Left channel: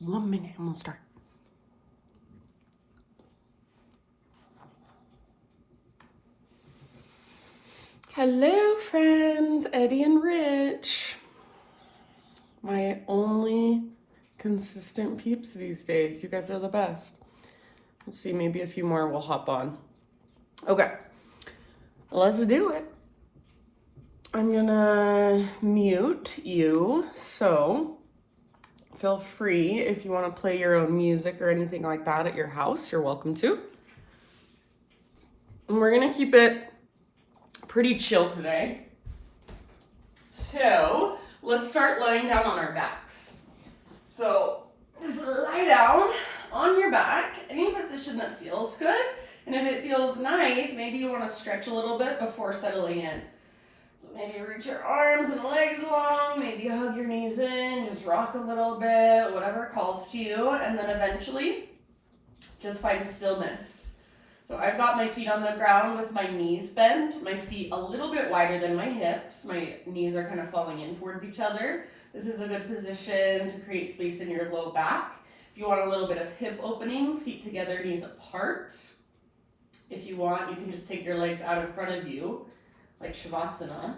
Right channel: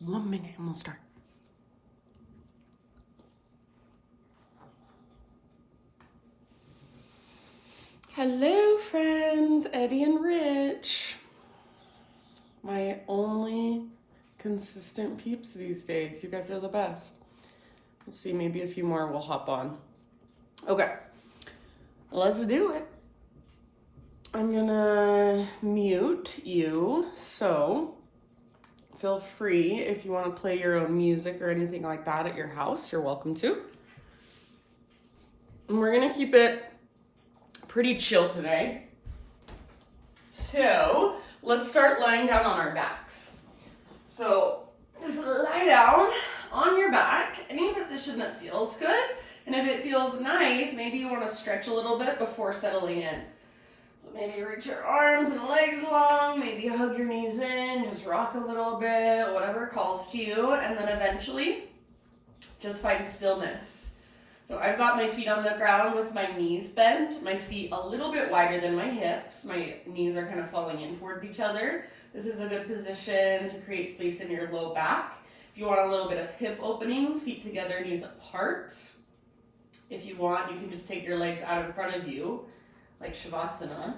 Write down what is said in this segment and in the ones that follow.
1 minute and we'll start. Hello, friends. Eddie and Rich. My only consistent peeps these days. You guys are the best. Let's see, maybe a few more will hop on. Okay, let's do it. I'm gonna mute you, so feel free if you want to play your own music or anything like that at your house, you're welcome to. And we're gonna keep it pretty chill today. So let's start lying down on our backs. So just lie down on your back, any position that feels good. And if it feels nice, maybe you want to stretch a little bit before settling in. So maybe reach your arms and legs long, maybe hug your knees in, just rock a little bit, whatever calls to you. And then eventually just find stillness. So I've got my feet on the ground with my knees bent, my feet a little bit wider than my hips. My knees are kind of falling in towards each other. This is a good position to create space in your low back. If you want a little bit of hip opening, feet together, knees apart. If you want, you can just take your legs out in front of you, like Shavasana.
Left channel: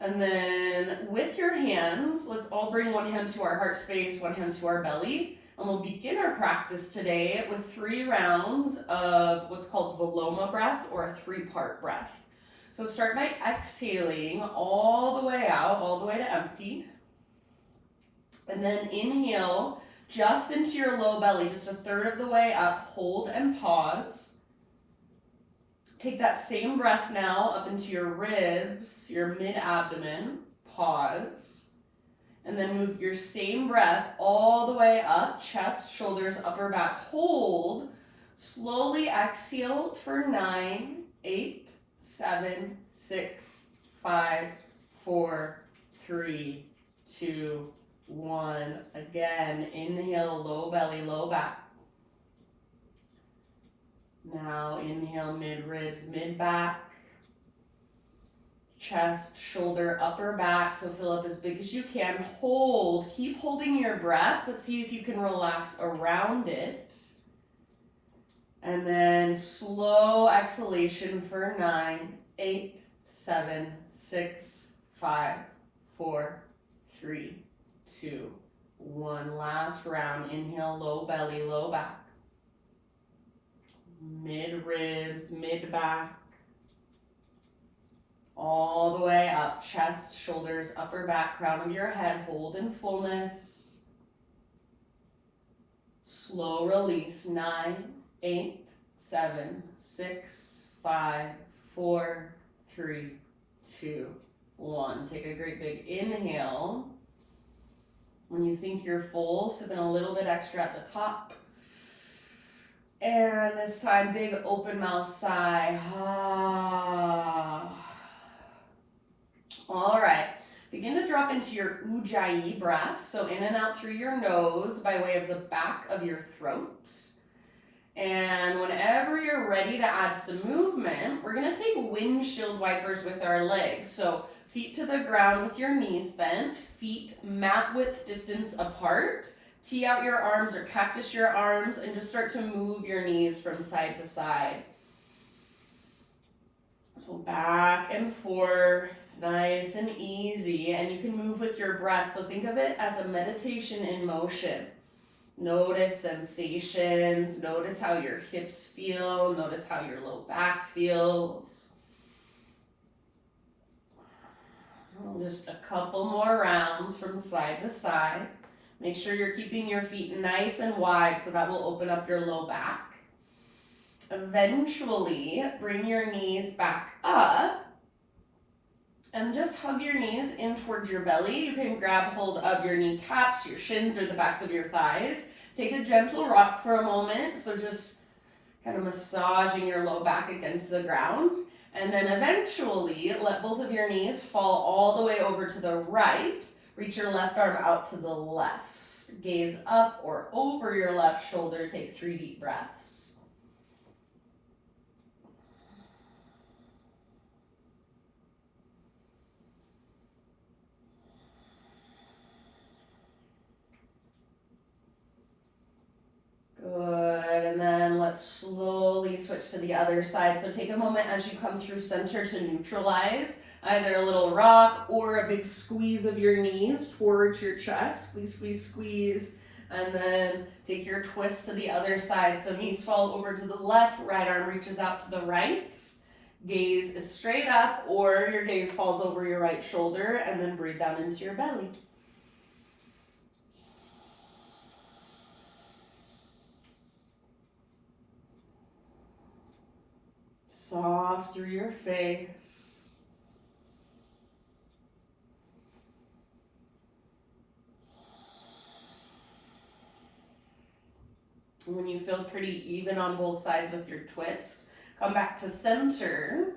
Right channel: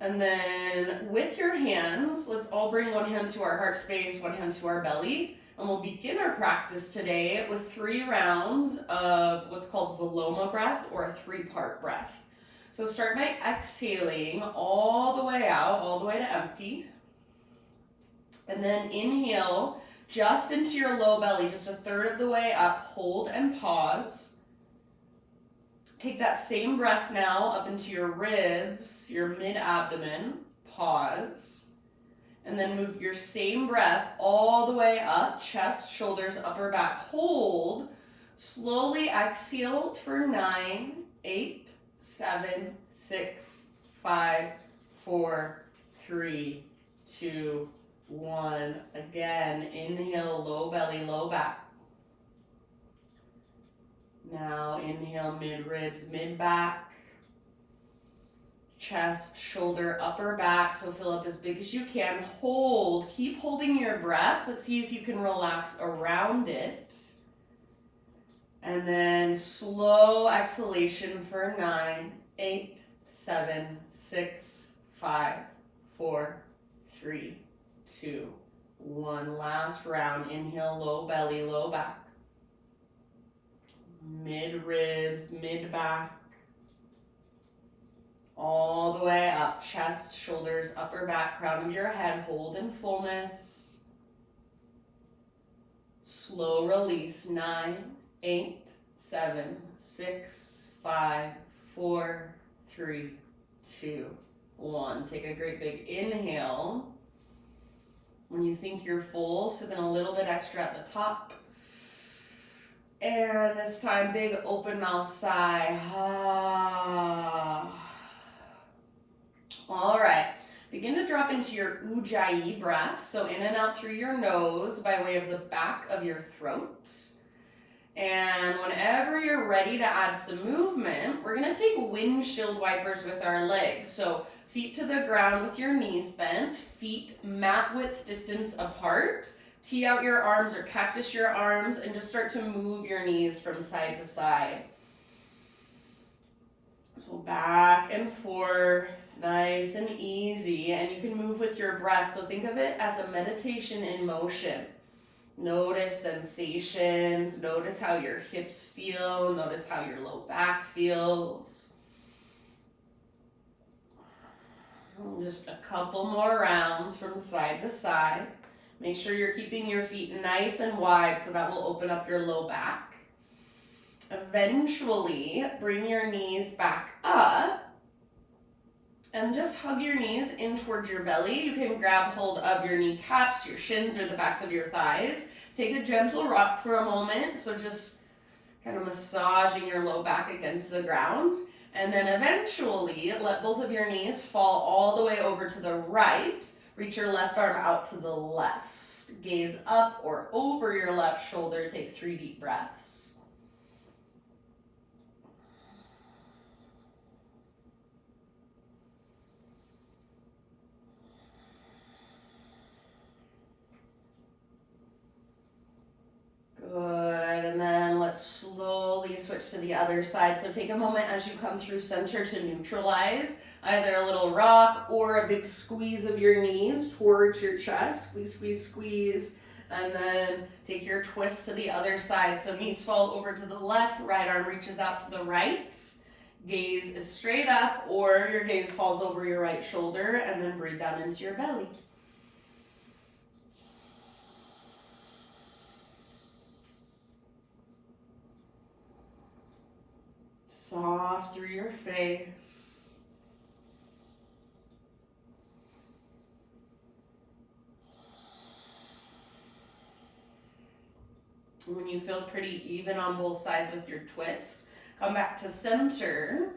And then with your hands, let's all bring one hand to our heart space, one hand to our belly. And we'll begin our practice today with 3 rounds of what's called Veloma Breath, or a 3-part breath. So start by exhaling all the way out, all the way to empty. And then inhale just into your low belly, just a third of the way up, hold and pause. Take that same breath now up into your ribs, your mid-abdomen, pause. And then move your same breath all the way up, chest, shoulders, upper back, hold. Slowly exhale for 9, 8, 7, 6, 5, 4, 3, 2, 1. Again, inhale, low belly, low back. Now inhale, mid-ribs, mid-back. Chest, shoulder, upper back, so fill up as big as you can. Hold, keep holding your breath, but see if you can relax around it. And then slow exhalation for 9, 8, 7, 6, 5, 4, 3, 2, 1. Last round, inhale, low belly, low back. Mid-ribs, mid-back. All the way up, chest, shoulders, upper back, crown of your head, hold in fullness. Slow release, 9, 8, 7, 6, 5, 4, 3, 2, 1. Take a great big inhale. When you think you're full, sip in a little bit extra at the top. And this time, big open mouth sigh. All right, begin to drop into your Ujjayi breath. So in and out through your nose by way of the back of your throat. And whenever you're ready to add some movement, we're gonna take windshield wipers with our legs. So feet to the ground with your knees bent, feet mat width distance apart. Tee out your arms or cactus your arms and just start to move your knees from side to side. So back and forth, nice and easy, and you can move with your breath. So think of it as a meditation in motion. Notice sensations, notice how your hips feel, notice how your low back feels. Just a couple more rounds from side to side. Make sure you're keeping your feet nice and wide so that will open up your low back. Eventually, bring your knees back up and just hug your knees in towards your belly. You can grab hold of your kneecaps, your shins, or the backs of your thighs. Take a gentle rock for a moment, so just kind of massaging your low back against the ground. And then eventually, let both of your knees fall all the way over to the right. Reach your left arm out to the left. Gaze up or over your left shoulder. Take 3 deep breaths. slowly switch to the other side. So take a moment as you come through center to neutralize either a little rock or a big squeeze of your knees towards your chest. Squeeze, squeeze, squeeze. And then take your twist to the other side. So knees fall over to the left, right arm reaches out to the right. Gaze is straight up, or your gaze falls over your right shoulder, and then breathe down into your belly. Soft through your face. When you feel pretty even on both sides with your twist, come back to center.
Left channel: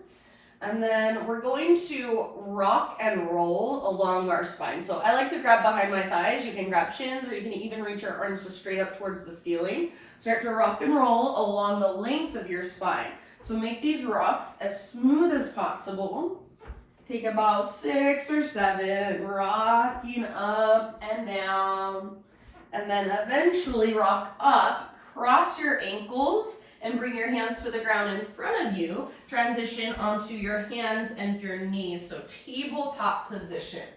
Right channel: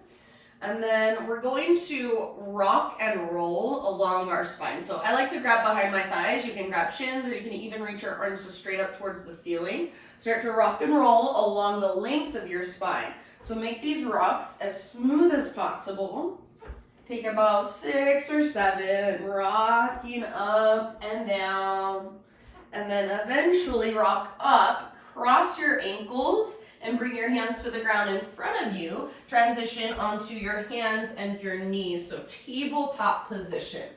And then we're going to rock and roll along our spine. So I like to grab behind my thighs. You can grab shins, or you can even reach your arms just straight up towards the ceiling. Start to rock and roll along the length of your spine. So make these rocks as smooth as possible. Take about 6 or 7, rocking up and down. And then eventually rock up, cross your ankles, and bring your hands to the ground in front of you. Transition onto your hands and your knees. So tabletop position.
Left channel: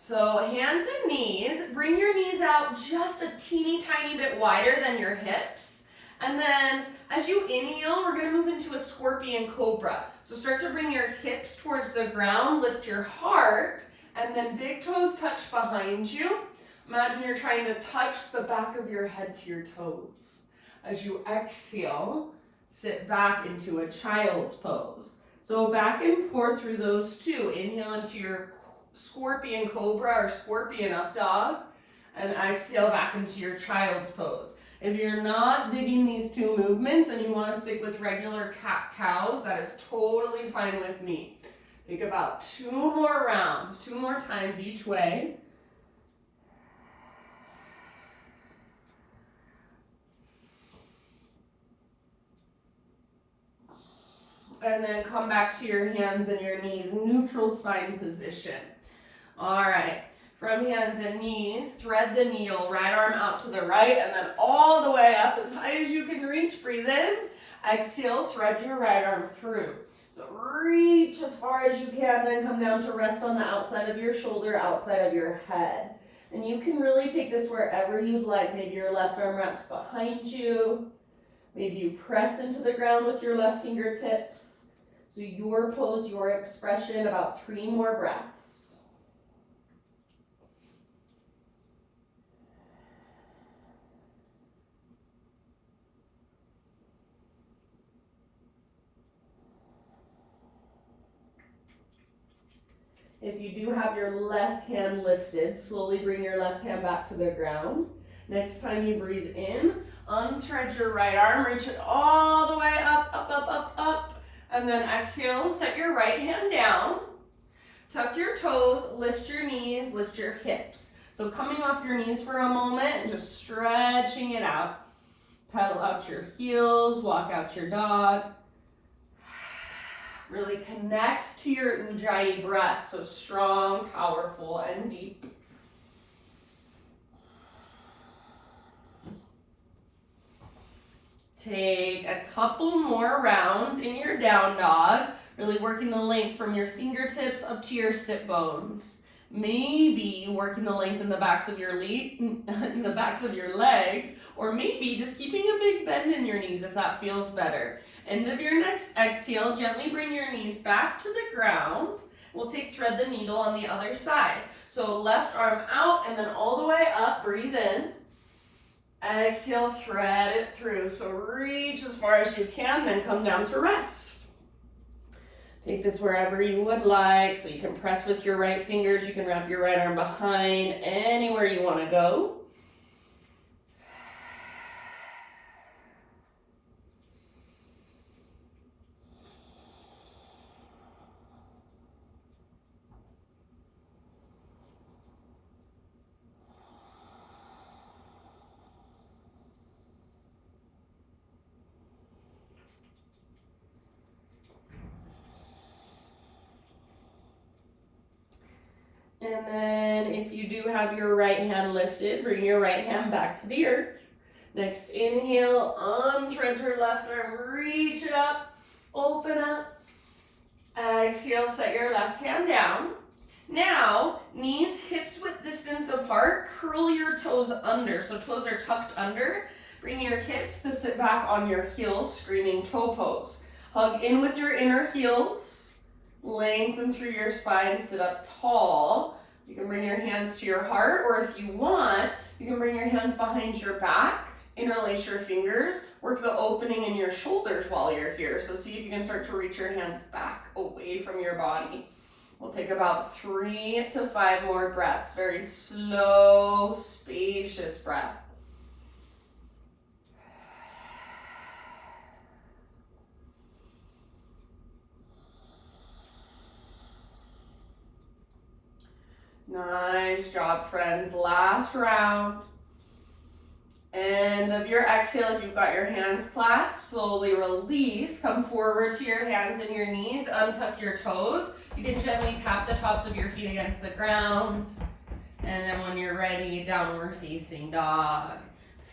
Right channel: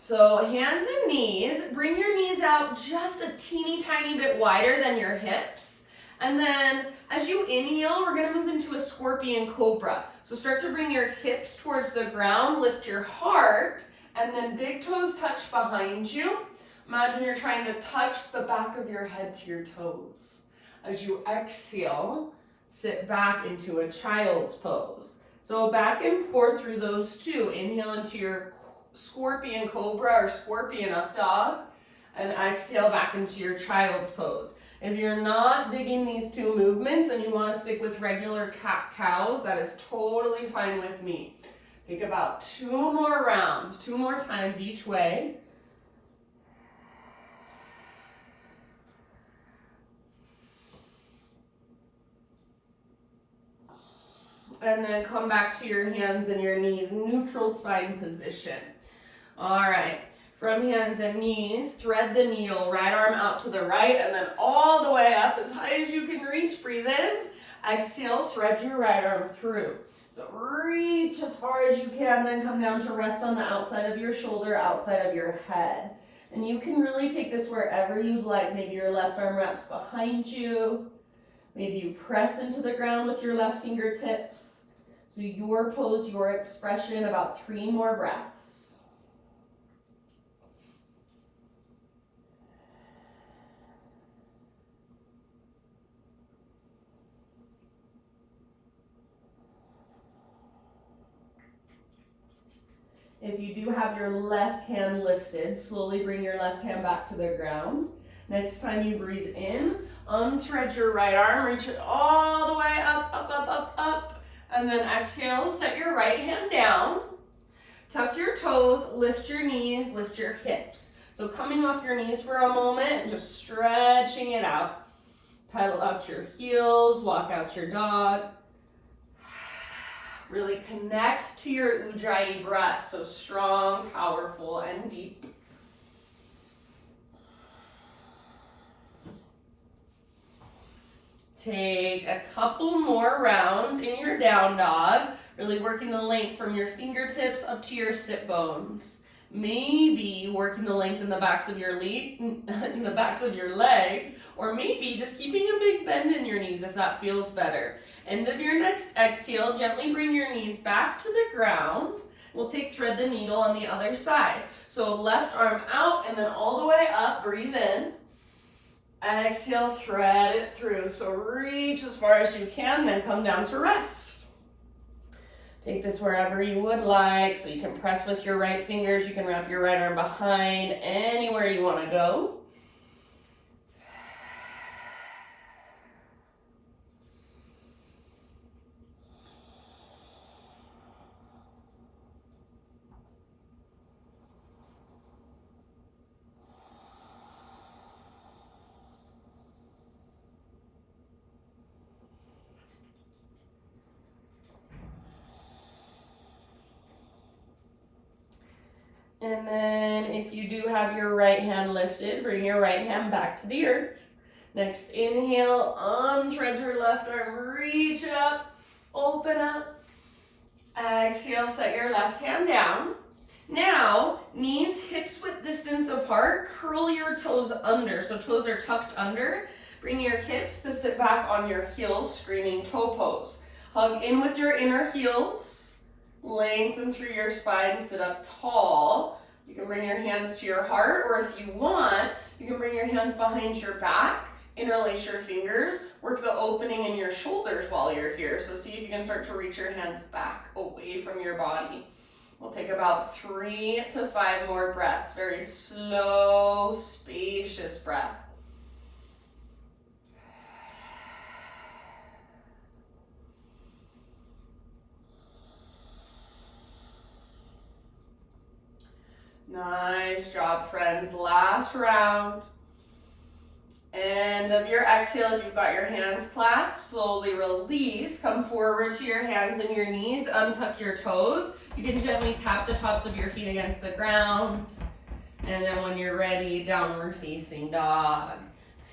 So hands and knees, bring your knees out just a teeny tiny bit wider than your hips. And then as you inhale, we're gonna move into a scorpion cobra. So start to bring your hips towards the ground, lift your heart, and then big toes touch behind you. Imagine you're trying to touch the back of your head to your toes. As you exhale, sit back into a child's pose. So back and forth through those two. Inhale into your scorpion cobra or scorpion up dog, and exhale back into your child's pose. If you're not digging these two movements and you want to stick with regular cat-cows, that is totally fine with me. Take about 2 more rounds, 2 more times each way. And then come back to your hands and your knees, neutral spine position. All right, from hands and knees, thread the needle, right arm out to the right, and then all the way up as high as you can reach. Breathe in, exhale, thread your right arm through. So reach as far as you can, then come down to rest on the outside of your shoulder, outside of your head. And you can really take this wherever you'd like. Maybe your left arm wraps behind you. Maybe you press into the ground with your left fingertips. So your pose, your expression, about 3 more breaths. If you do have your left hand lifted, slowly bring your left hand back to the ground. Next time you breathe in, unthread your right arm, reach it all the way up, up, up, up, up. And then exhale, set your right hand down. Tuck your toes, lift your knees, lift your hips. So coming off your knees for a moment and just stretching it out. Pedal out your heels, walk out your dog. Really connect to your Ujjayi breath, so strong, powerful, and deep. Take a couple more rounds in your down dog, really working the length from your fingertips up to your sit bones. Maybe working the length in the backs of your legs, or maybe just keeping a big bend in your knees if that feels better. End of your next exhale, gently bring your knees back to the ground. We'll take thread the needle on the other side. So left arm out and then all the way up, breathe in. Exhale, thread it through. So reach as far as you can, then come down to rest. Take this wherever you would like. So you can press with your right fingers. You can wrap your right arm behind, anywhere you want to go. And then if you do have your right hand lifted, bring your right hand back to the earth. Next inhale, unthread your left arm, reach it up, open up. Exhale, set your left hand down. Now, knees hips width distance apart, curl your toes under. So toes are tucked under. Bring your hips to sit back on your heels, screaming toe pose. Hug in with your inner heels. Lengthen through your spine, sit up tall. You can bring your hands to your heart, or if you want, you can bring your hands behind your back. Interlace your fingers, work the opening in your shoulders while you're here. So see if you can start to reach your hands back away from your body. We'll take about 3 to 5 more breaths. Very slow, spacious breath. Nice job, friends. Last round. End of your exhale, if you've got your hands clasped, slowly release. Come forward to your hands and your knees. Untuck your toes. You can gently tap the tops of your feet against the ground. And then when you're ready, downward facing dog.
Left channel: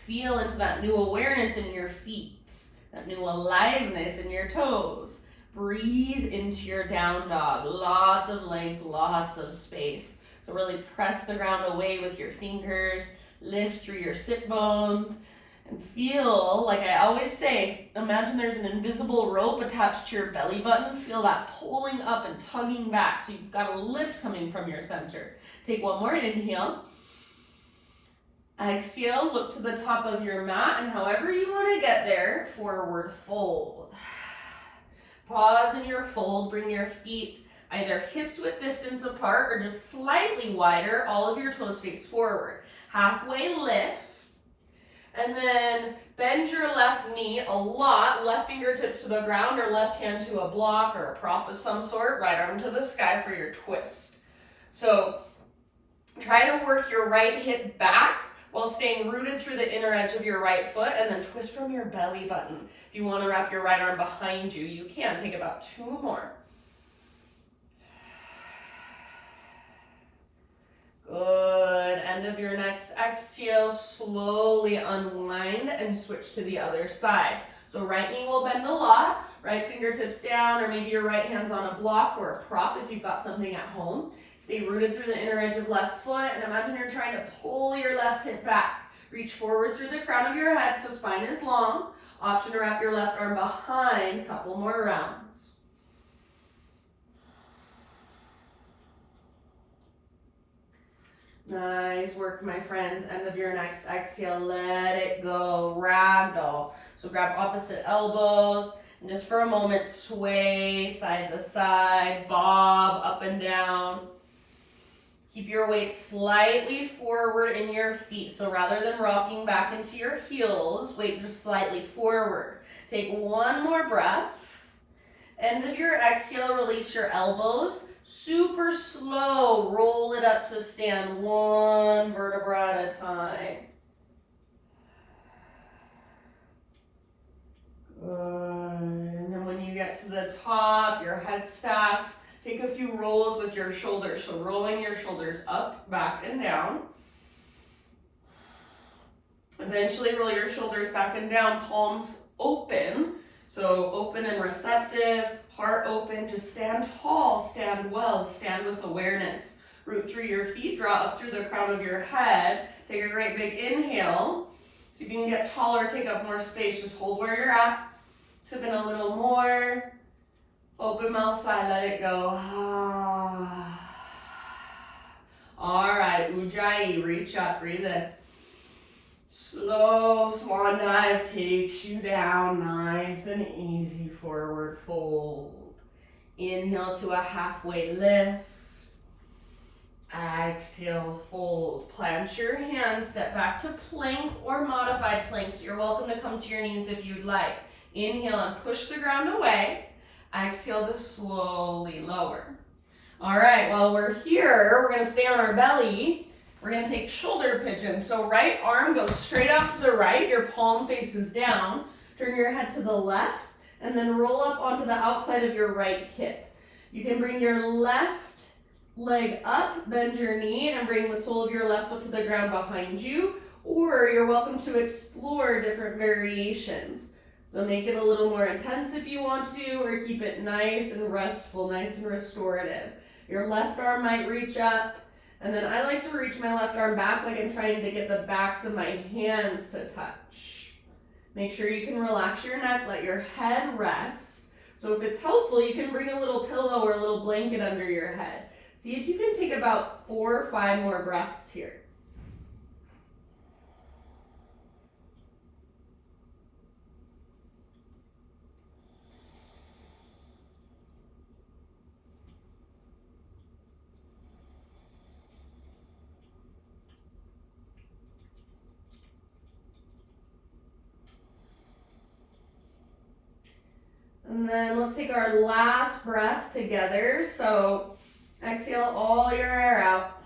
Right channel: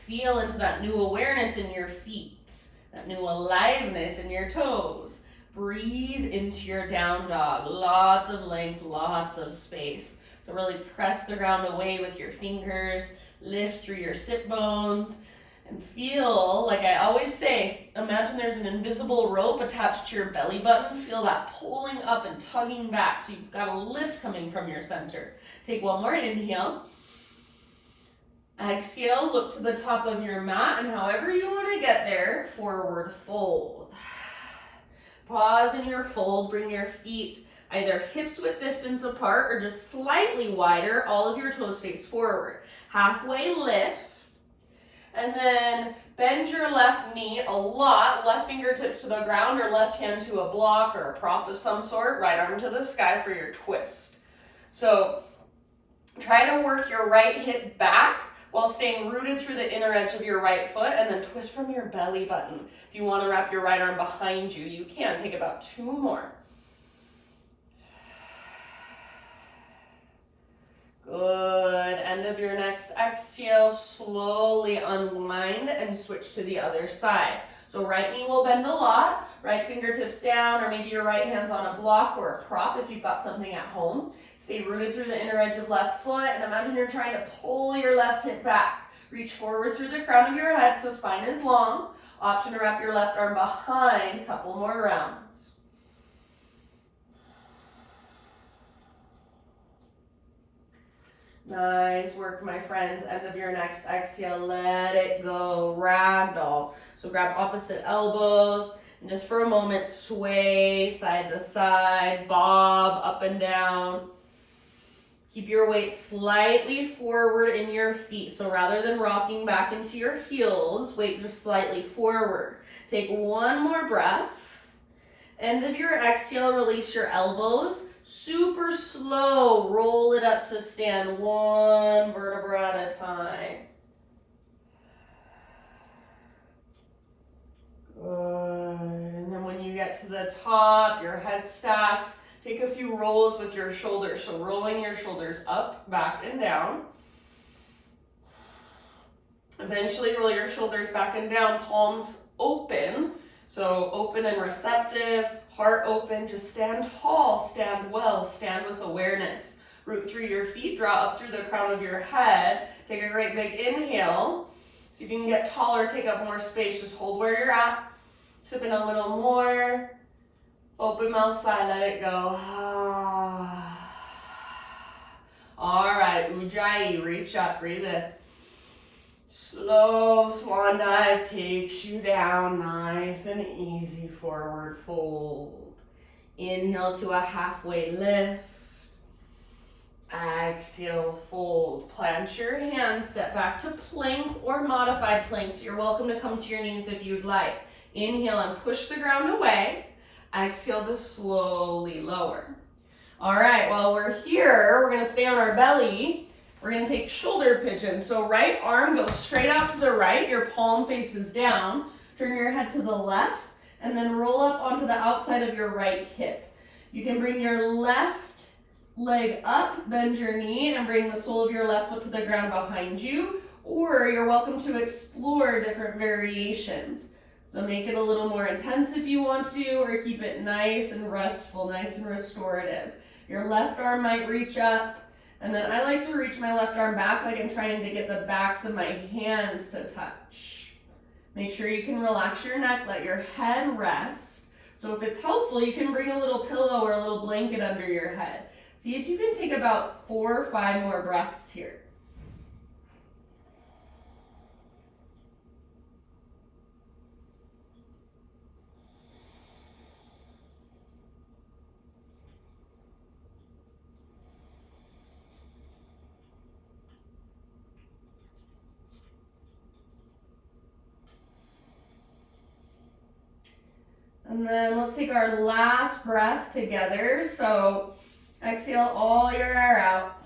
Feel into that new awareness in your feet, that new aliveness in your toes. Breathe into your down dog. Lots of length, lots of space. So really press the ground away with your fingers. Lift through your sit bones and feel, like I always say, imagine there's an invisible rope attached to your belly button. Feel that pulling up and tugging back, so you've got a lift coming from your center. Take one more inhale. Exhale, look to the top of your mat, and however you want to get there, forward fold. Pause in your fold, bring your feet either hips width distance apart or just slightly wider, all of your toes face forward. Halfway lift, and then bend your left knee a lot, left fingertips to the ground or left hand to a block or a prop of some sort, right arm to the sky for your twist. So try to work your right hip back while staying rooted through the inner edge of your right foot, and then twist from your belly button. If you want to wrap your right arm behind you, you can. Take about 2 more. Good. End of your next exhale, slowly unwind and switch to the other side. So right knee will bend a lot, right fingertips down, or maybe your right hand's on a block or a prop if you've got something at home. Stay rooted through the inner edge of left foot, and imagine you're trying to pull your left hip back. Reach forward through the crown of your head so spine is long. Option to wrap your left arm behind, a couple more rounds. Nice work, my friends. End of your next exhale, let it go. Ragdoll. So grab opposite elbows and just for a moment sway side to side, bob up and down. Keep your weight slightly forward in your feet. So rather than rocking back into your heels, weight just slightly forward. Take 1 more breath. End of your exhale, release your elbows. Super slow, roll it up to stand, 1 vertebra at a time. Good. And then when you get to the top, your head stacks, take a few rolls with your shoulders. So rolling your shoulders up, back, and down. Eventually roll your shoulders back and down, palms open. So open and receptive, heart open, just stand tall, stand well, stand with awareness. Root through your feet, draw up through the crown of your head. Take a great big inhale. See if you can get taller, take up more space, just hold where you're at. Sip in a little more. Open mouth side, let it go. All right, Ujjayi, reach up, breathe in. Slow swan dive takes you down, nice and easy, forward fold. Inhale to a halfway lift. Exhale, fold. Plant your hands, step back to plank or modified plank. So you're welcome to come to your knees if you'd like. Inhale and push the ground away. Exhale to slowly lower. All right, while we're here, we're gonna stay on our belly. We're gonna take shoulder pigeon. So right arm goes straight out to the right, your palm faces down. Turn your head to the left, and then roll up onto the outside of your right hip. You can bring your left leg up, bend your knee, and bring the sole of your left foot to the ground behind you. or you're welcome to explore different variations. So make it a little more intense if you want to, or keep it nice and restful, nice and restorative. Your left arm might reach up, and then I like to reach my left arm back like I'm trying to get the backs of my hands to touch. Make sure you can relax your neck, let your head rest. So if it's helpful, you can bring a little pillow or a little blanket under your head. See if you can take about 4 or 5 more breaths here. And then let's take our last breath together. So exhale all your air out.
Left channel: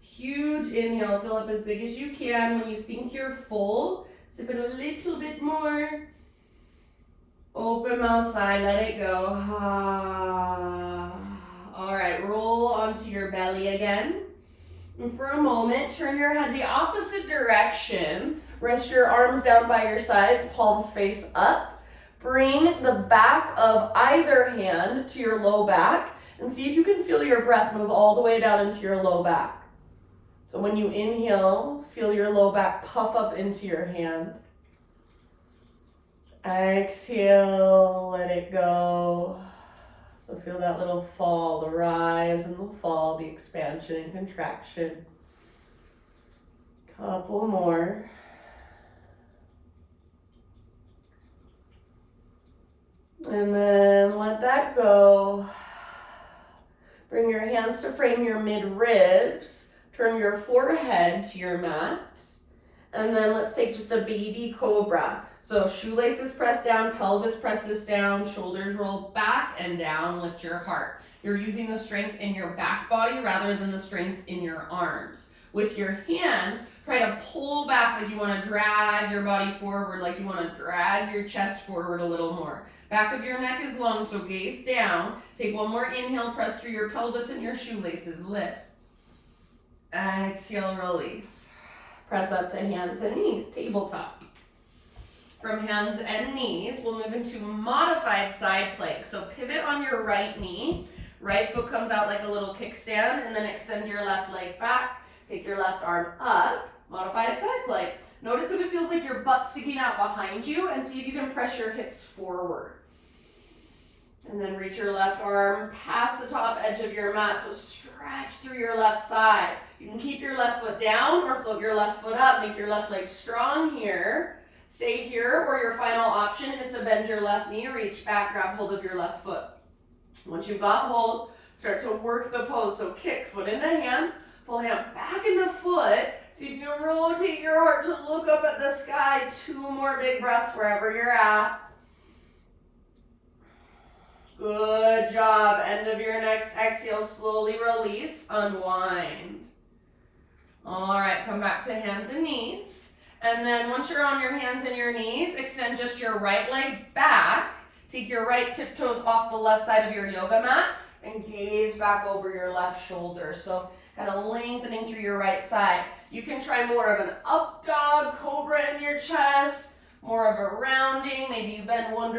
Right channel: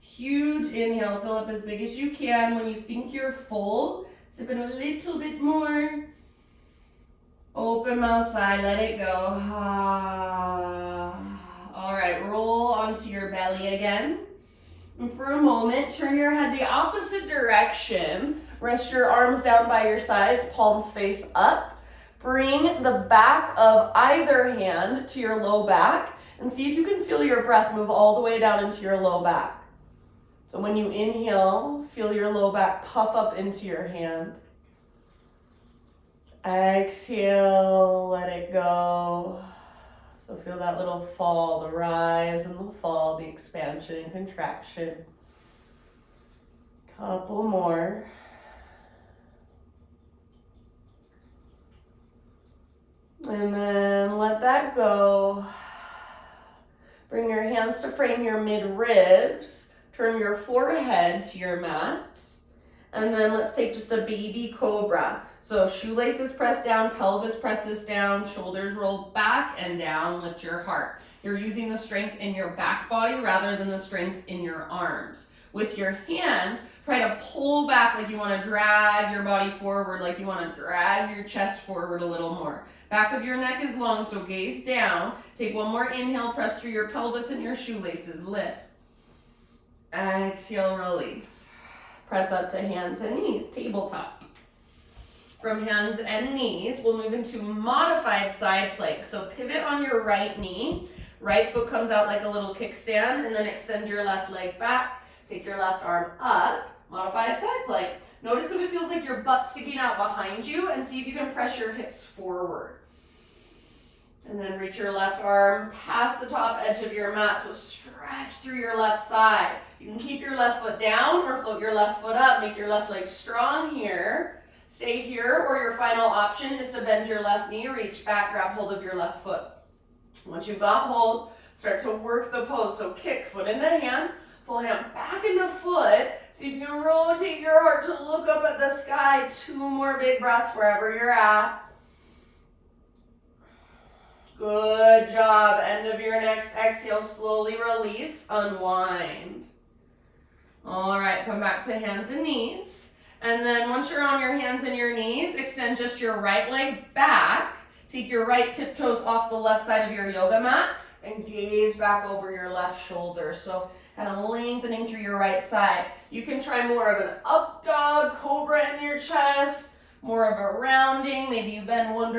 Huge inhale, fill up as big as you can. When you think you're full, sip it a little bit more. Open mouth sigh, let it go. All right, roll onto your belly again. And for a moment, turn your head the opposite direction. Rest your arms down by your sides, palms face up. Bring the back of either hand to your low back and see if you can feel your breath move all the way down into your low back. So when you inhale, feel your low back puff up into your hand. Exhale, let it go. So feel that little fall, the rise and the fall, the expansion and contraction. Couple more. And then let that go. Bring your hands to frame your mid-ribs. Turn your forehead to your mat. And then let's take just a baby cobra. So shoelaces pressed down, pelvis presses down, shoulders rolled back and down, lift your heart. You're using the strength in your back body rather than the strength in your arms. With your hands, try to pull back like you want to drag your body forward, like you want to drag your chest forward a little more. Back of your neck is long, so gaze down. Take one more inhale, press through your pelvis and your shoelaces. Lift. Exhale, release. Press up to hands and knees, tabletop. From hands and knees, we'll move into modified side plank. So pivot on your right knee. Right foot comes out like a little kickstand, and then extend your left leg back. Take your left arm up. Modified side plank. Notice if it feels like your butt's sticking out behind you, and see if you can press your hips forward. And then reach your left arm past the top edge of your mat, so stretch through your left side. You can keep your left foot down or float your left foot up. Make your left leg strong here. Stay here, or your final option is to bend your left knee, reach back, grab hold of your left foot. Once you've got hold, start to work the pose. So kick, foot into hand, pull hand back into foot, so you can rotate your heart to look up at the sky. 2 more big breaths wherever you're at. Good job. End of your next exhale, slowly release, unwind. All right, come back to hands and knees. And then once you're on your hands and your knees, extend just your right leg back. Take your right tiptoes off the left side of your yoga mat and gaze back over your left shoulder. So kind of lengthening through your right side. You can try more of an up dog, cobra in your chest, more of a rounding. Maybe you bend one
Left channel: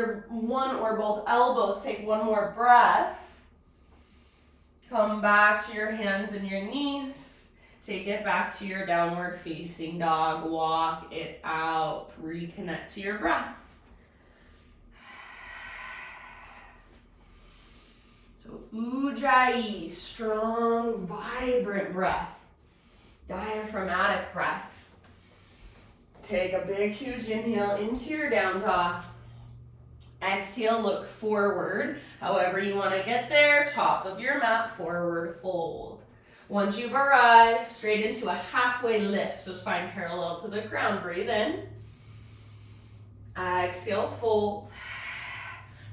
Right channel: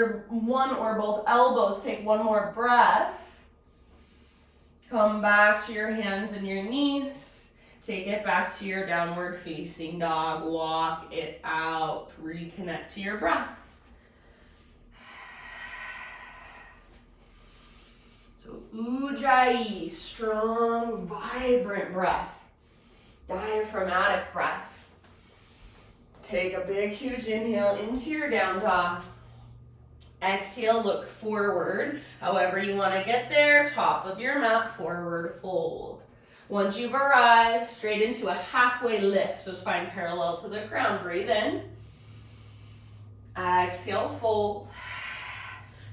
or both elbows. Take one more breath. Come back to your hands and your knees. Take it back to your downward facing dog. Walk it out. Reconnect to your breath. So Ujjayi, strong, vibrant breath. Diaphragmatic breath. Take a big, huge inhale into your down dog. Exhale, look forward. However you want to get there, top of your mat, forward fold. Once you've arrived, straight into a halfway lift, so spine parallel to the ground. Breathe in. Exhale, fold.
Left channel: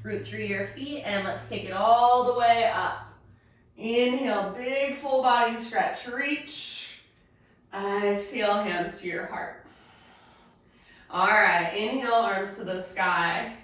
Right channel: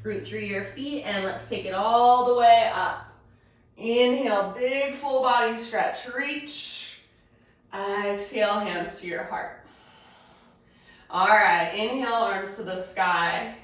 Root through your feet, and let's take it all the way up. Inhale, big full body stretch. Reach. Exhale, hands to your heart. All right, inhale, arms to the sky.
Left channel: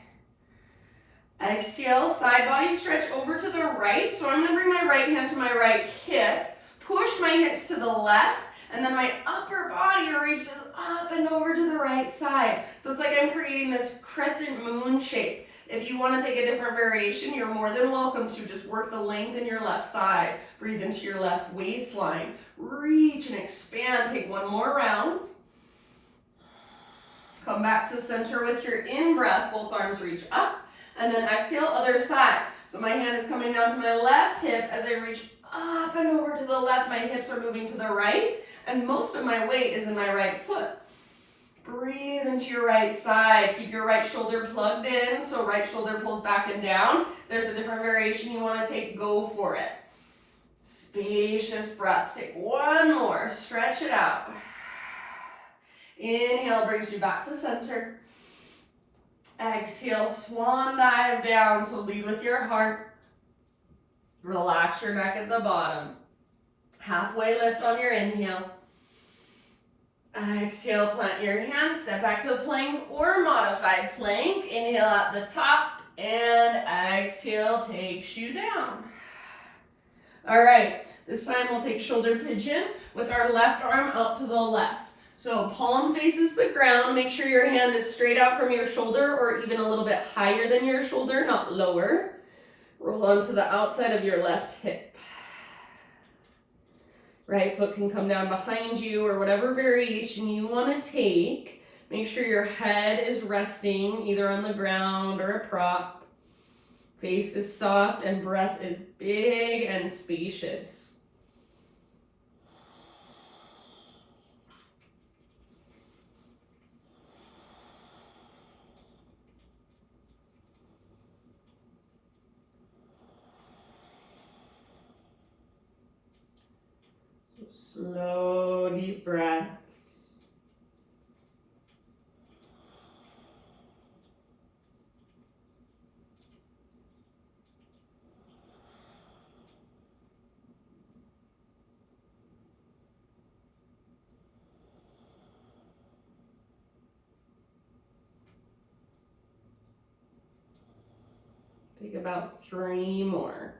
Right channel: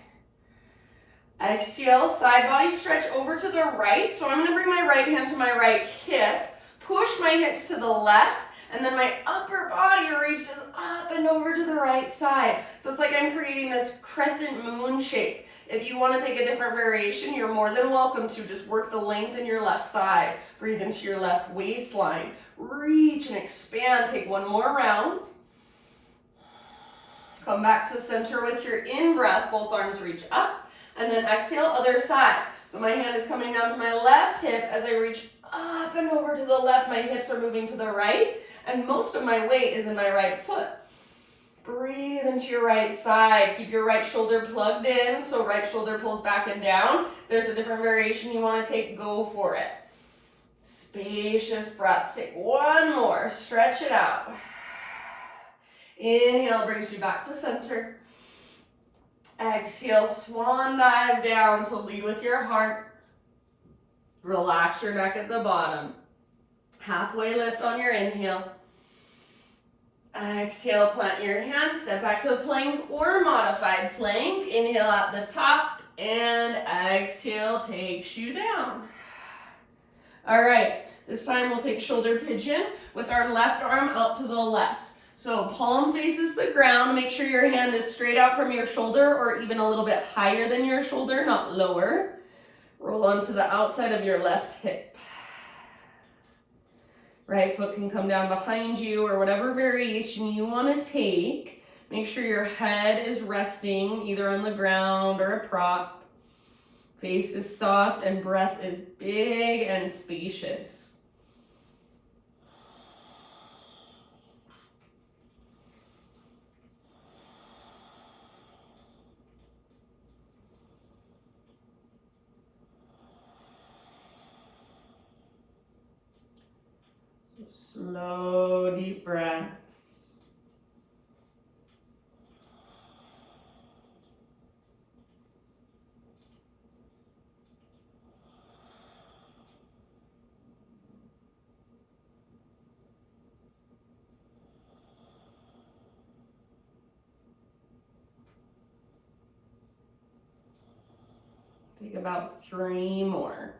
Exhale, side body stretch over to the right. So I'm going to bring my right hand to my right hip. Push my hips to the left And then my upper body reaches up and over to the right side. So it's like I'm creating this crescent moon shape. If you want to take a different variation, you're more than welcome to. Just work the length in your left side. Breathe into your left waistline. Reach and expand. Take one more round. Come back to center with your in-breath. Both arms reach up. And then exhale, other side. So my hand is coming down to my left hip as I reach up and over to the left. My hips are moving to the right. And most of my weight is in my right foot. Breathe into your right side. Keep your right shoulder plugged in. So right shoulder pulls back and down. There's a different variation you want to take. Go for it. Spacious breaths. Take one more. Stretch it out. Inhale brings you back to center. Exhale, swan dive down. So lead with your heart. Relax your neck at the bottom. Halfway lift on your inhale. Exhale, plant your hands. Step back to a plank or modified plank. Inhale at the top. And exhale takes you down. All right. This time we'll take shoulder pigeon with our left arm out to the left. So palm faces the ground. Make sure your hand is straight out from your shoulder or even a little bit higher than your shoulder, not lower. Roll onto the outside of your left hip. Right foot can come down behind you or whatever variation you want to take. Make sure your head is resting either on the ground or a prop. Face is soft and breath is big and spacious. Slow, deep breaths. Take about 3 more.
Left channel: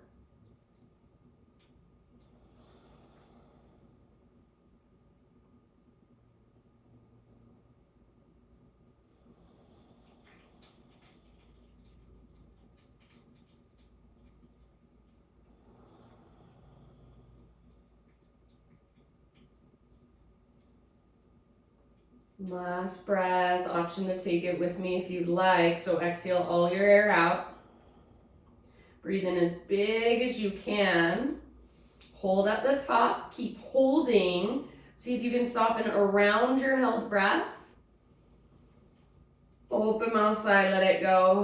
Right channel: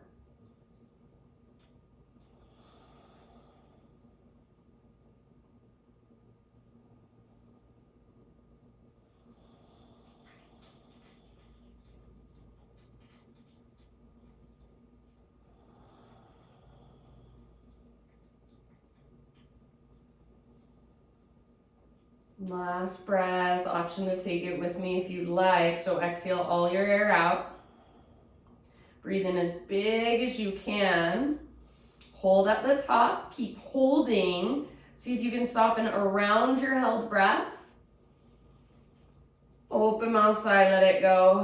Last breath, option to take it with me if you'd like. So exhale all your air out. Breathe in as big as you can. Hold at the top, keep holding. See if you can soften around your held breath. Open mouth side, let it go.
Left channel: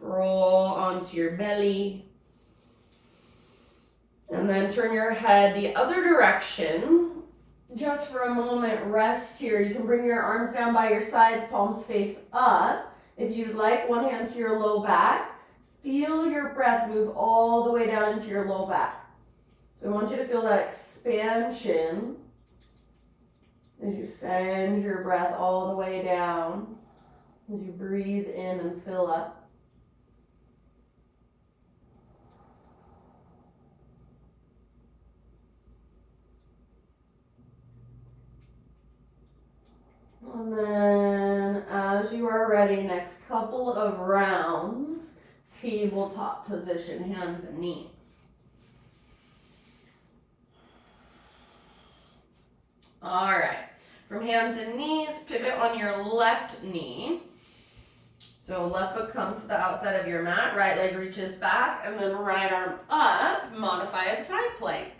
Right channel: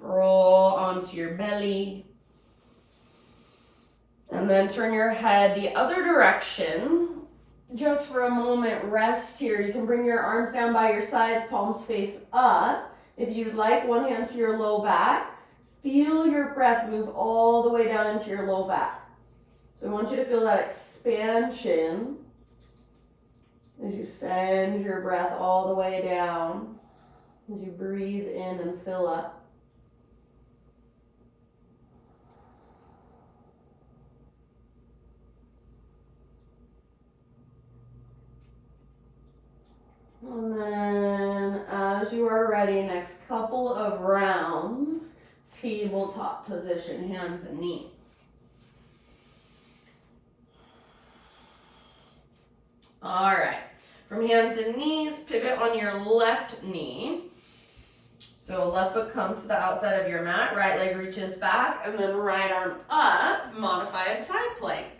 Roll onto your belly. And then turn your head the other direction. Just for a moment, rest here. You can bring your arms down by your sides, palms face up. If you'd like, one hand to your low back. Feel your breath move all the way down into your low back. So I want you to feel that expansion as you send your breath all the way down, as you breathe in and fill up. And then as you are ready, next couple of rounds, tabletop position, hands and knees. All right, from hands and knees, pivot on your left knee. So left foot comes to the outside of your mat, right leg reaches back, and then right arm up, modified side plank.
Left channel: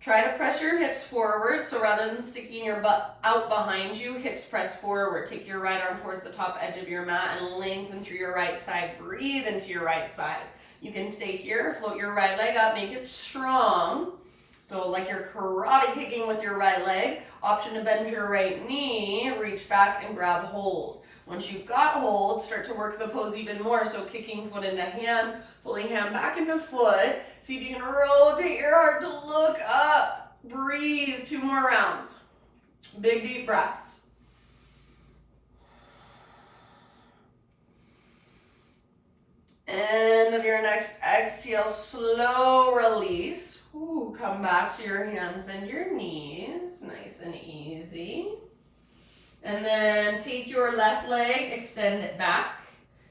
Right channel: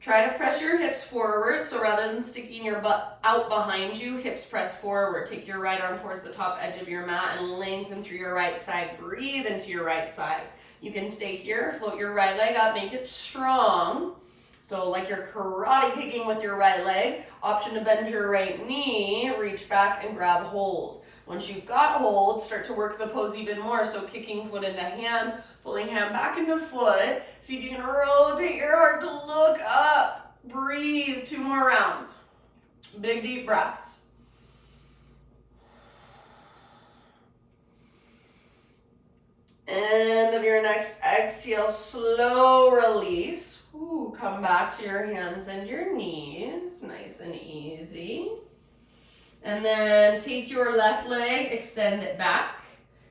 Try to press your hips forward, so rather than sticking your butt out behind you, hips press forward. Take your right arm towards the top edge of your mat and lengthen through your right side. Breathe into your right side. You can stay here, float your right leg up, make it strong. So like you're karate kicking with your right leg. Option to bend your right knee, reach back and grab hold. Once you've got hold, start to work the pose even more. So kicking foot into hand, pulling hand back into foot. See if you can rotate your heart to look up. Breathe, 2 more rounds. Big deep breaths. End of your next exhale, slow release. Ooh, come back to your hands and your knees, nice and easy. And then take your left leg, extend it back.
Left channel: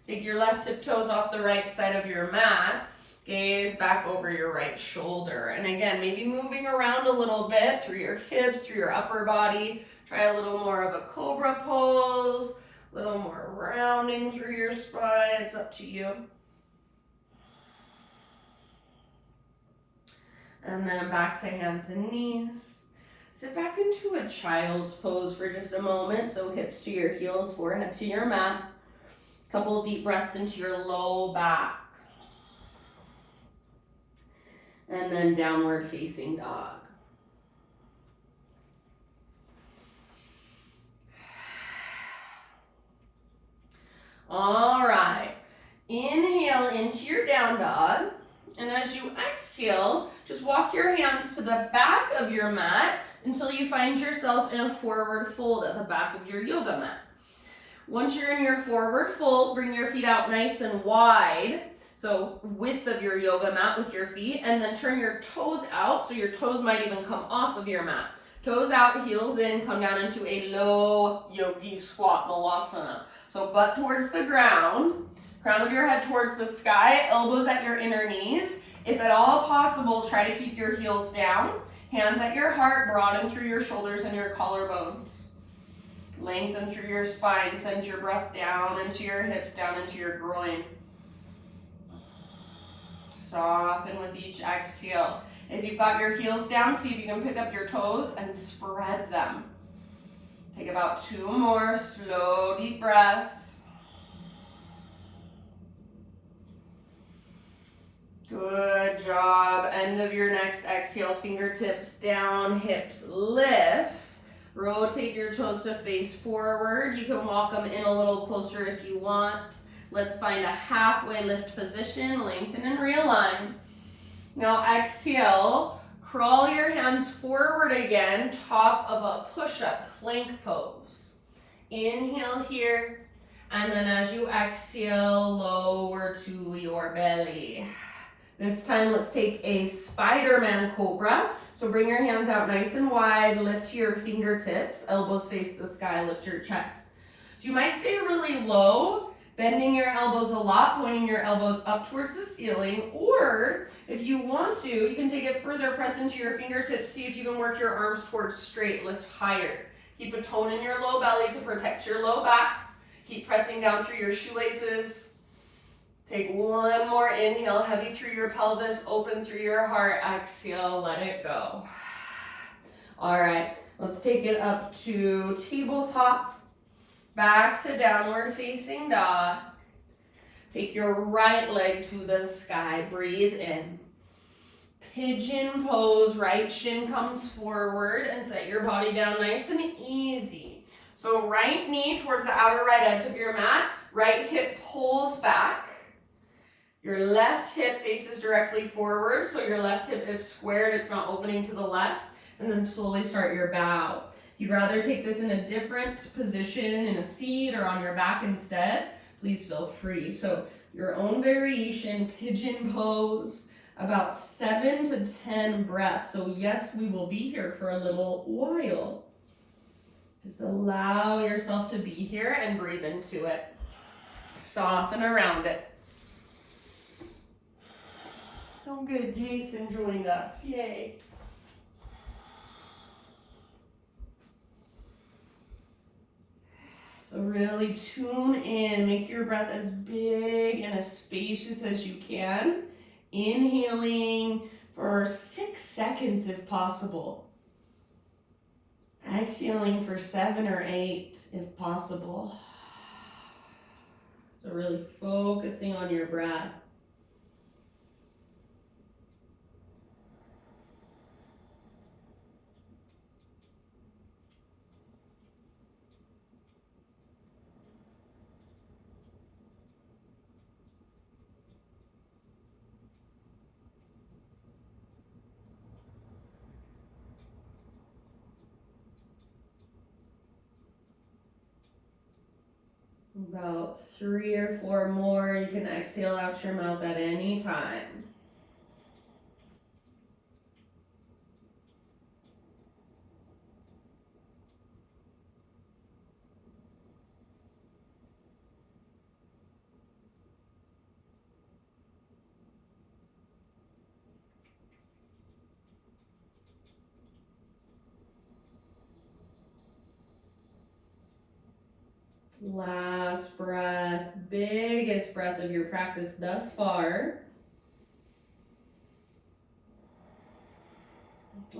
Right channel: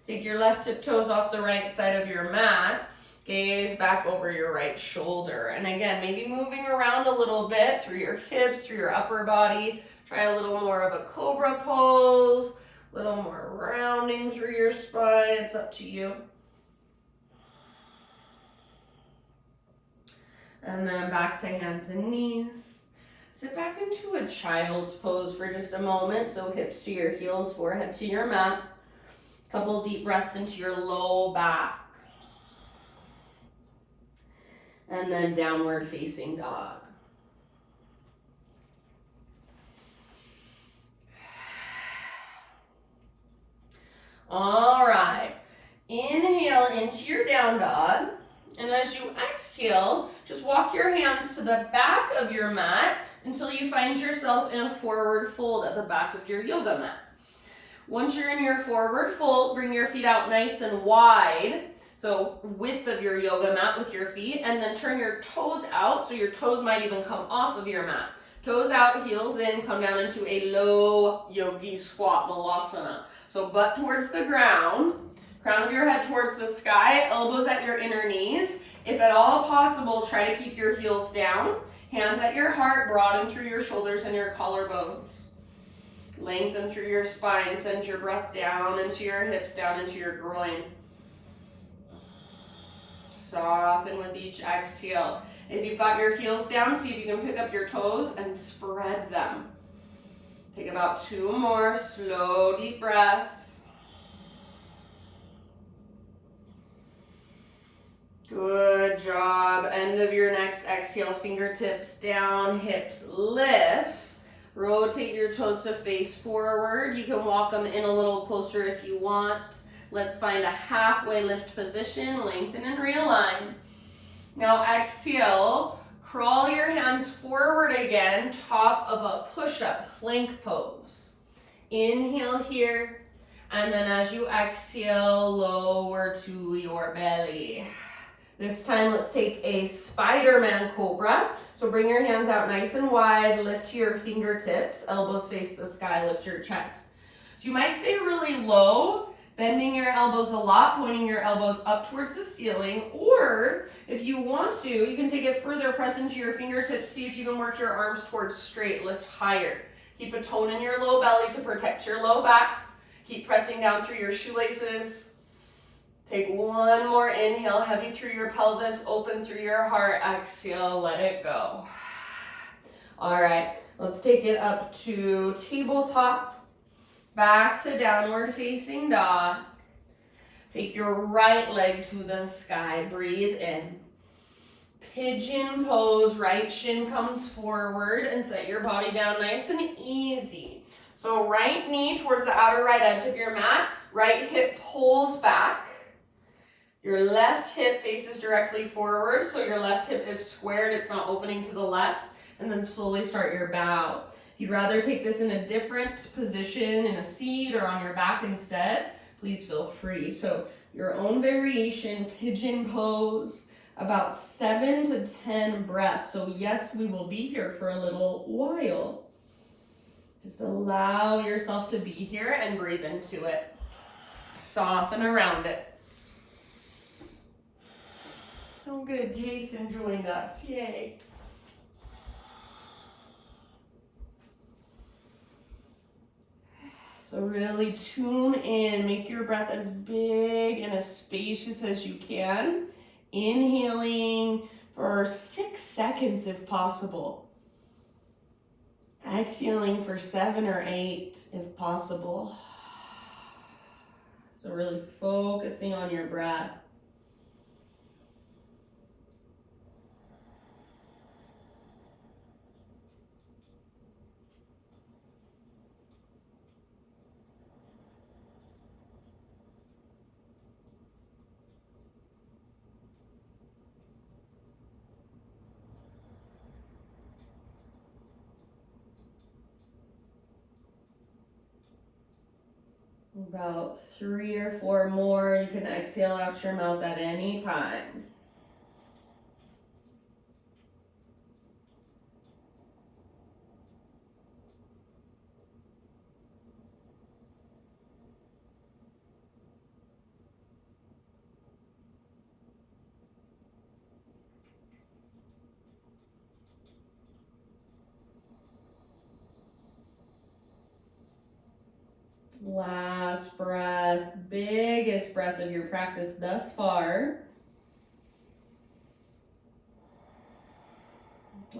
Take your left tiptoes off the right side of your mat. Gaze back over your right shoulder. And again, maybe moving around a little bit through your hips, through your upper body. Try a little more of a cobra pose, a little more rounding through your spine. It's up to you. And then back to hands and knees. Sit back into a child's pose for just a moment. So hips to your heels, forehead to your mat. Couple deep breaths into your low back. And then downward facing dog. All right. Inhale into your down dog. And as you exhale, just walk your hands to the back of your mat until you find yourself in a forward fold at the back of your yoga mat. Once you're in your forward fold, bring your feet out nice and wide. So width of your yoga mat with your feet, and then turn your toes out so your toes might even come off of your mat. Toes out, heels in, come down into a low yogi squat, Malasana. So butt towards the ground, crown of your head towards the sky, elbows at your inner knees. If at all possible, try to keep your heels down. Hands at your heart, broaden through your shoulders and your collarbones. Lengthen through your spine, send your breath down into your hips, down into your groin. Soften with each exhale. If you've got your heels down, see if you can pick up your toes and spread them. Take about 2 more slow, deep breaths. Good job. End of your next exhale, fingertips down, hips lift. Rotate your toes to face forward. You can walk them in a little closer if you want. Let's find a halfway lift position, lengthen and realign. Now exhale, crawl your hands forward again, top of a push-up plank pose. Inhale here, and then as you exhale, lower to your belly. This time let's take a Spiderman Cobra. So bring your hands out nice and wide, lift to your fingertips, elbows face the sky, lift your chest. So you might stay really low, bending your elbows a lot, pointing your elbows up towards the ceiling, or if you want to, you can take it further, press into your fingertips, see if you can work your arms towards straight, lift higher. Keep a tone in your low belly to protect your low back. Keep pressing down through your shoelaces. Take one more inhale, heavy through your pelvis, open through your heart, exhale, let it go. All right, let's take it up to tabletop, back to downward facing dog. Take your right leg to the sky, breathe in. Pigeon pose, right shin comes forward and set your body down nice and easy. So right knee towards the outer right edge of your mat, right hip pulls back. Your left hip faces directly forward, so your left hip is squared, it's not opening to the left, and then slowly start your bow. If you'd rather take this in a different position, in a seat or on your back instead, please feel free. So your own variation, pigeon pose, about 7 to 10 breaths. So yes, we will be here for a little while. Just allow yourself to be here and breathe into it. Soften around it. Oh good, Jason joined us, yay. So really tune in, make your breath as big and as spacious as you can. Inhaling for 6 seconds if possible. Exhaling for 7 or 8 if possible. So really focusing on your breath. About 3 or 4 more. You can exhale out your mouth at any time. Last breath, biggest breath of your practice thus far.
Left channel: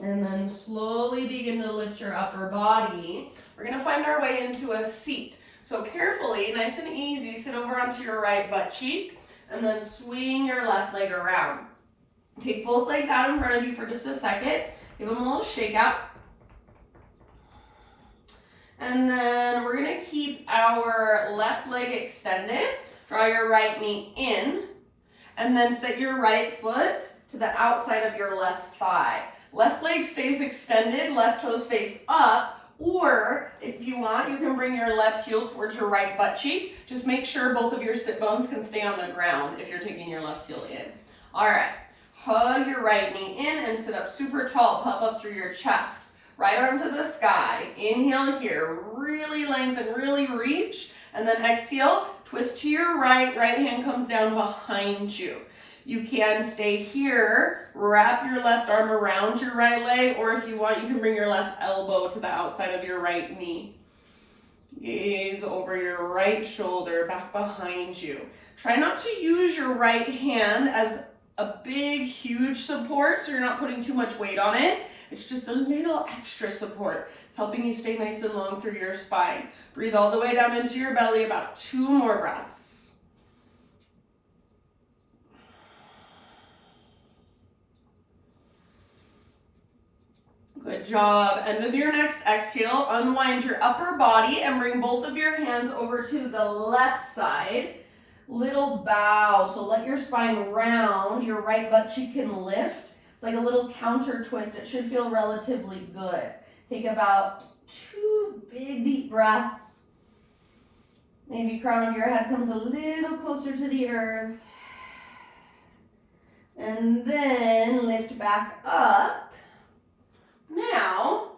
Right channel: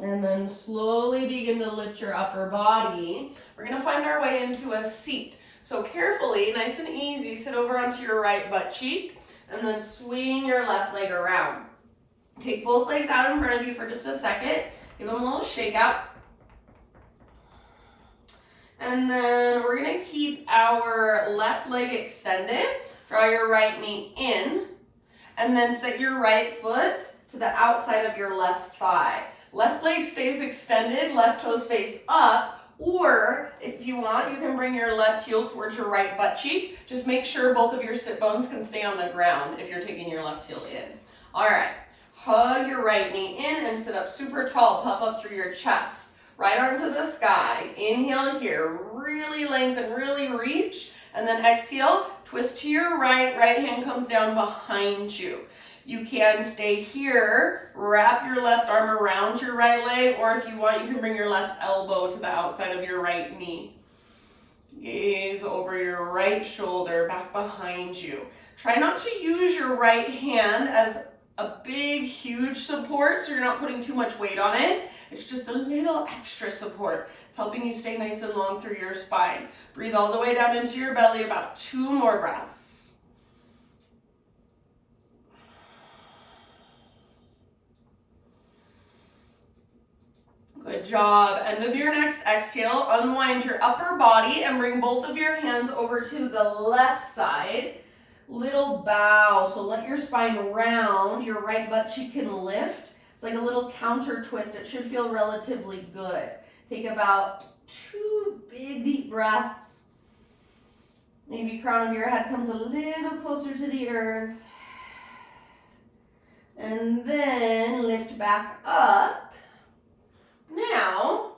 And then slowly begin to lift your upper body. We're gonna find our way into a seat. So carefully, nice and easy, sit over onto your right butt cheek and then swing your left leg around. Take both legs out in front of you for just a second. Give them a little shake out. And then we're gonna keep our left leg extended. Draw your right knee in and then set your right foot to the outside of your left thigh. Left leg stays extended, left toes face up, or if you want, you can bring your left heel towards your right butt cheek. Just make sure both of your sit bones can stay on the ground if you're taking your left heel in. All right, hug your right knee in and sit up super tall, puff up through your chest. Right arm to the sky, inhale here, really lengthen, really reach, and then exhale, twist to your right, right hand comes down behind you. You can stay here, wrap your left arm around your right leg, or if you want, you can bring your left elbow to the outside of your right knee. Gaze over your right shoulder, back behind you. Try not to use your right hand as a big, huge support, so you're not putting too much weight on it. It's just a little extra support. It's helping you stay nice and long through your spine. Breathe all the way down into your belly, about 2 more breaths. Good job. End of your next exhale, unwind your upper body and bring both of your hands over to the left side. Little bow, so let your spine round, your right butt cheek can lift. It's like a little counter twist. It should feel relatively good. Take about 2 big deep breaths. Maybe crown of your head comes a little closer to the earth. And then lift back up. Now,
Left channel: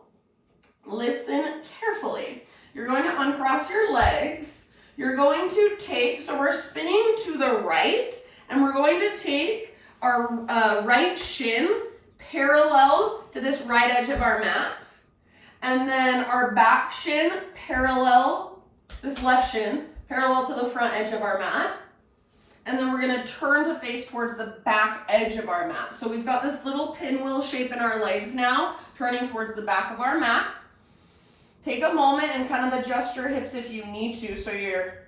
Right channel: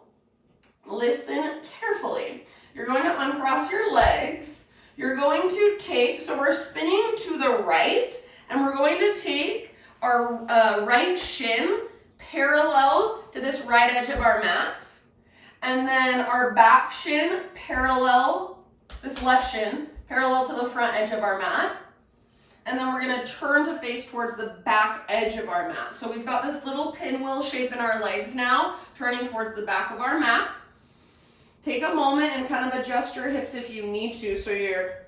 listen carefully. You're going to uncross your legs. You're going to take, so we're spinning to the right, and we're going to take our right shin parallel to this right edge of our mat, and then our back shin parallel, this left shin, parallel to the front edge of our mat. And then we're gonna turn to face towards the back edge of our mat. So we've got this little pinwheel shape in our legs now, turning towards the back of our mat. Take a moment and kind of adjust your hips if you need to so you're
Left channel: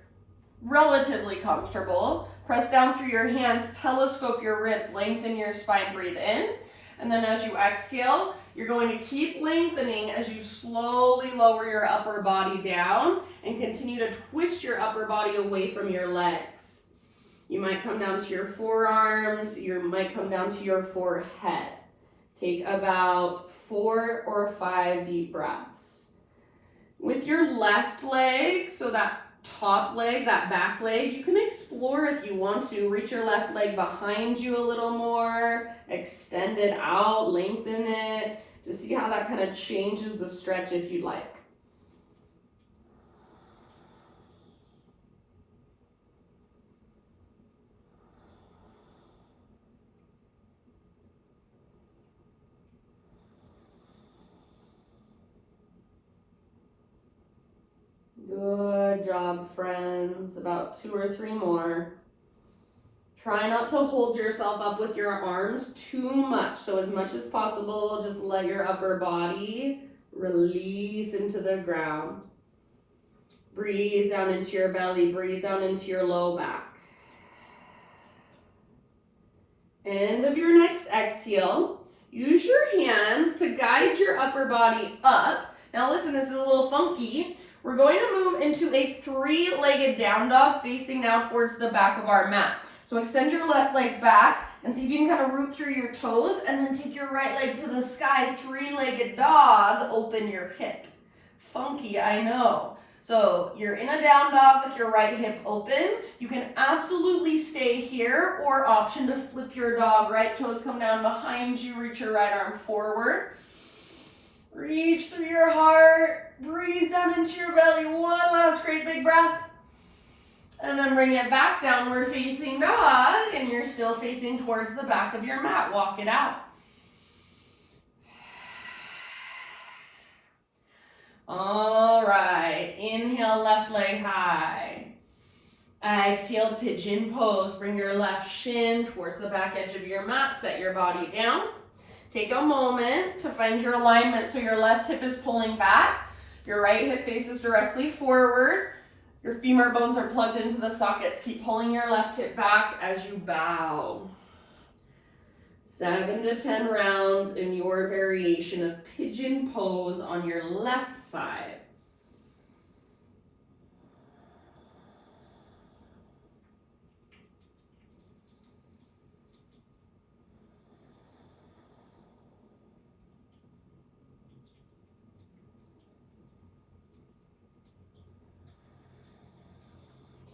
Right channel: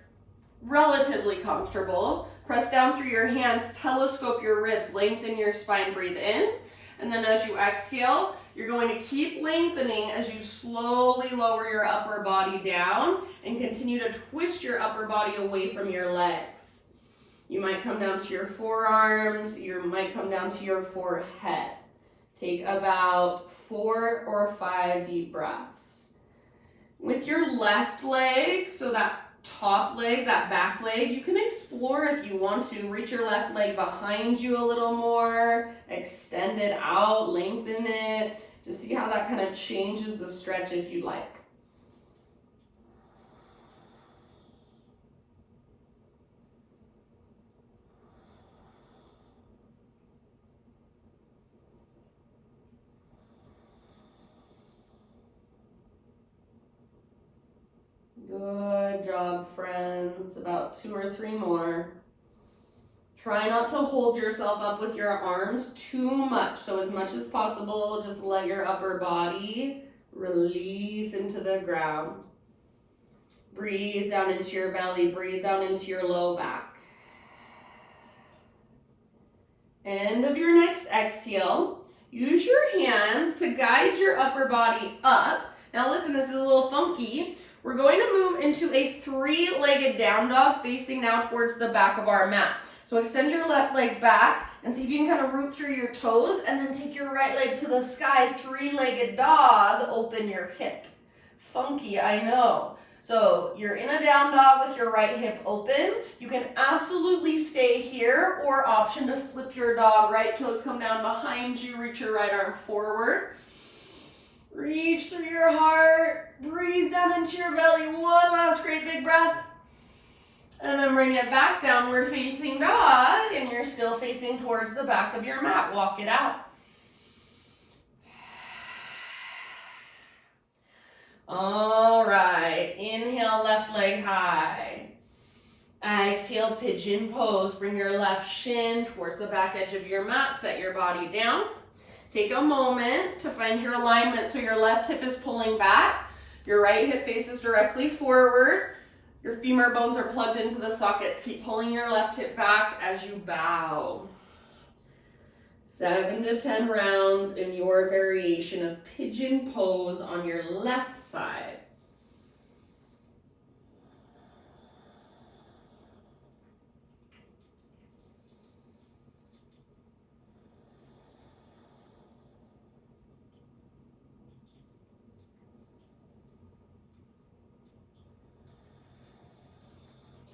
relatively comfortable. Press down through your hands, telescope your ribs, lengthen your spine, breathe in. And then as you exhale, you're going to keep lengthening as you slowly lower your upper body down and continue to twist your upper body away from your legs. You might come down to your forearms, you might come down to your forehead. Take about 4 or 5 deep breaths. With your left leg, so that top leg, that back leg, you can explore if you want to. Reach your left leg behind you a little more, extend it out, lengthen it. Just see how that kind of changes the stretch if you'd like. Good job, friends. About 2 or 3 more. Try not to hold yourself up with your arms too much. So as much as possible, just let your upper body release into the ground. Breathe down into your belly. Breathe down into your low back. End of your next exhale. Use your hands to guide your upper body up. Now listen, this is a little funky. We're going to move into a 3-legged down dog facing now towards the back of our mat. So extend your left leg back and see if you can kind of root through your toes and then take your right leg to the sky, 3-legged dog, open your hip. Funky, I know. So you're in a down dog with your right hip open. You can absolutely stay here or option to flip your dog. Right toes come down behind you, reach your right arm forward. Reach through your heart, breathe down into your belly, 1 last great big breath. And then bring it back, downward facing dog, and you're still facing towards the back of your mat. Walk it out. All right, inhale, left leg high. Exhale, pigeon pose. Bring your left shin towards the back edge of your mat. Set your body down. Take a moment to find your alignment so your left hip is pulling back. Your right hip faces directly forward. Your femur bones are plugged into the sockets. Keep pulling your left hip back as you bow. 7 to 10 rounds in your variation of pigeon pose on your left side.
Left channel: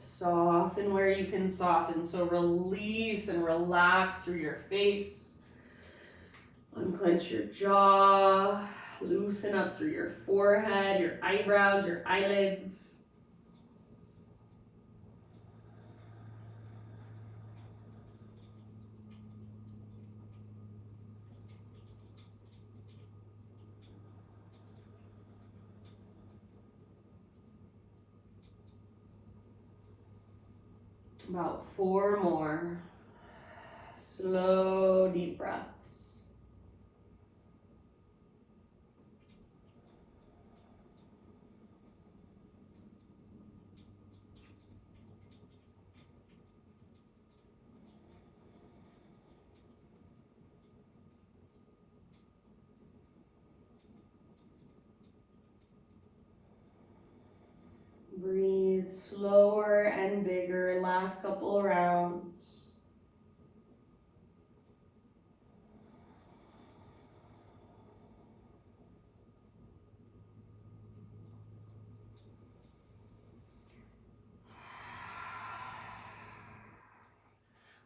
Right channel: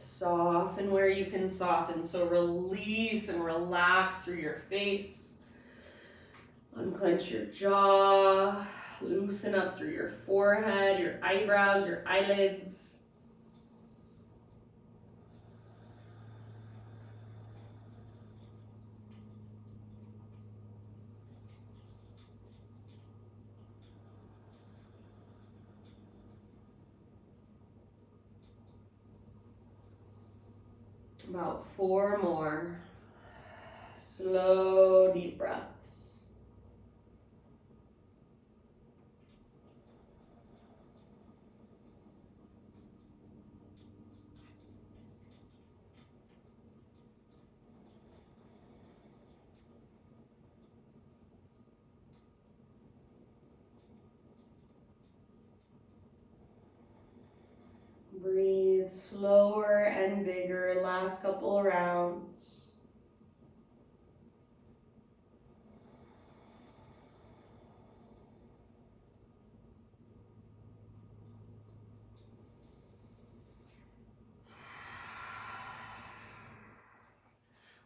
Soften where you can soften. So release and relax through your face. Unclench your jaw. Loosen up through your forehead, your eyebrows, your eyelids. About 4 more. Slow, deep breaths. Breathe slower and bigger, last couple rounds.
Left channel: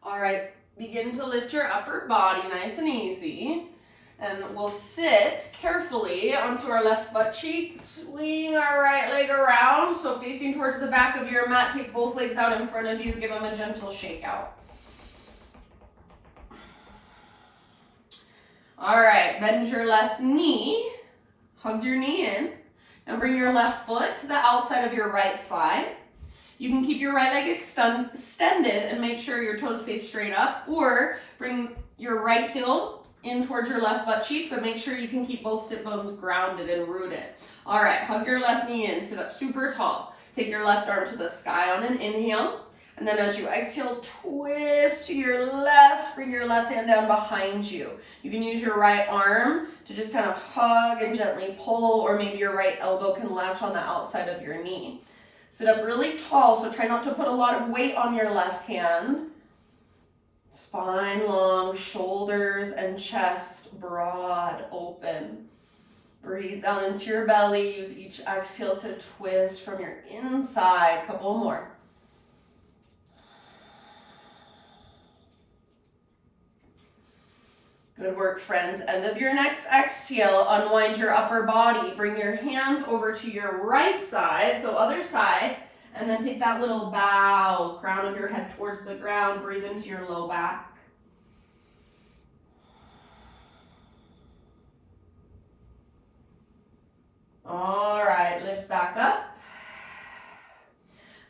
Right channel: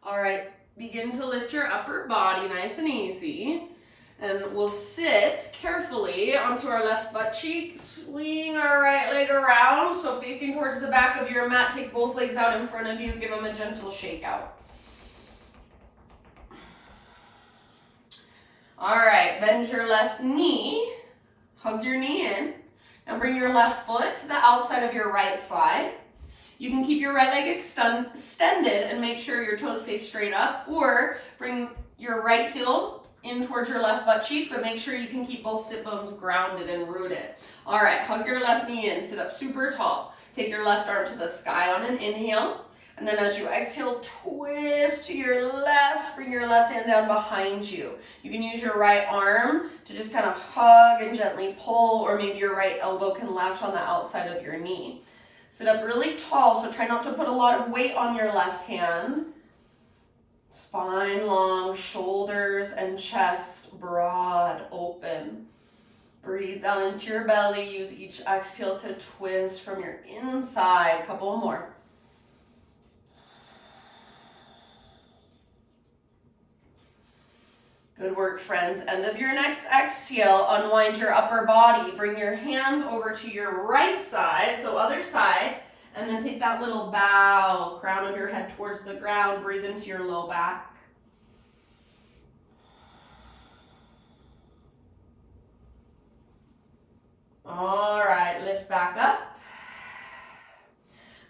All right, begin to lift your upper body nice and easy. And we'll sit carefully onto our left butt cheek, swing our right leg around, so facing towards the back of your mat, take both legs out in front of you, give them a gentle shake out. All right, bend your left knee, hug your knee in, and bring your left foot to the outside of your right thigh. You can keep your right leg extended and make sure your toes face straight up, or bring your right heel in towards your left butt cheek, but make sure you can keep both sit bones grounded and rooted. All right, hug your left knee in, sit up super tall. Take your left arm to the sky on an inhale, and then as you exhale, twist to your left, bring your left hand down behind you. You can use your right arm to just kind of hug and gently pull, or maybe your right elbow can latch on the outside of your knee. Sit up really tall, so try not to put a lot of weight on your left hand. Spine long, shoulders and chest broad, open. Breathe down into your belly. Use each exhale to twist from your inside. Couple more. Good work, friends. End of your next exhale, unwind your upper body. Bring your hands over to your right side, so other side, and then take that little bow, crown of your head towards the ground. Breathe into your low back. All right, lift back up.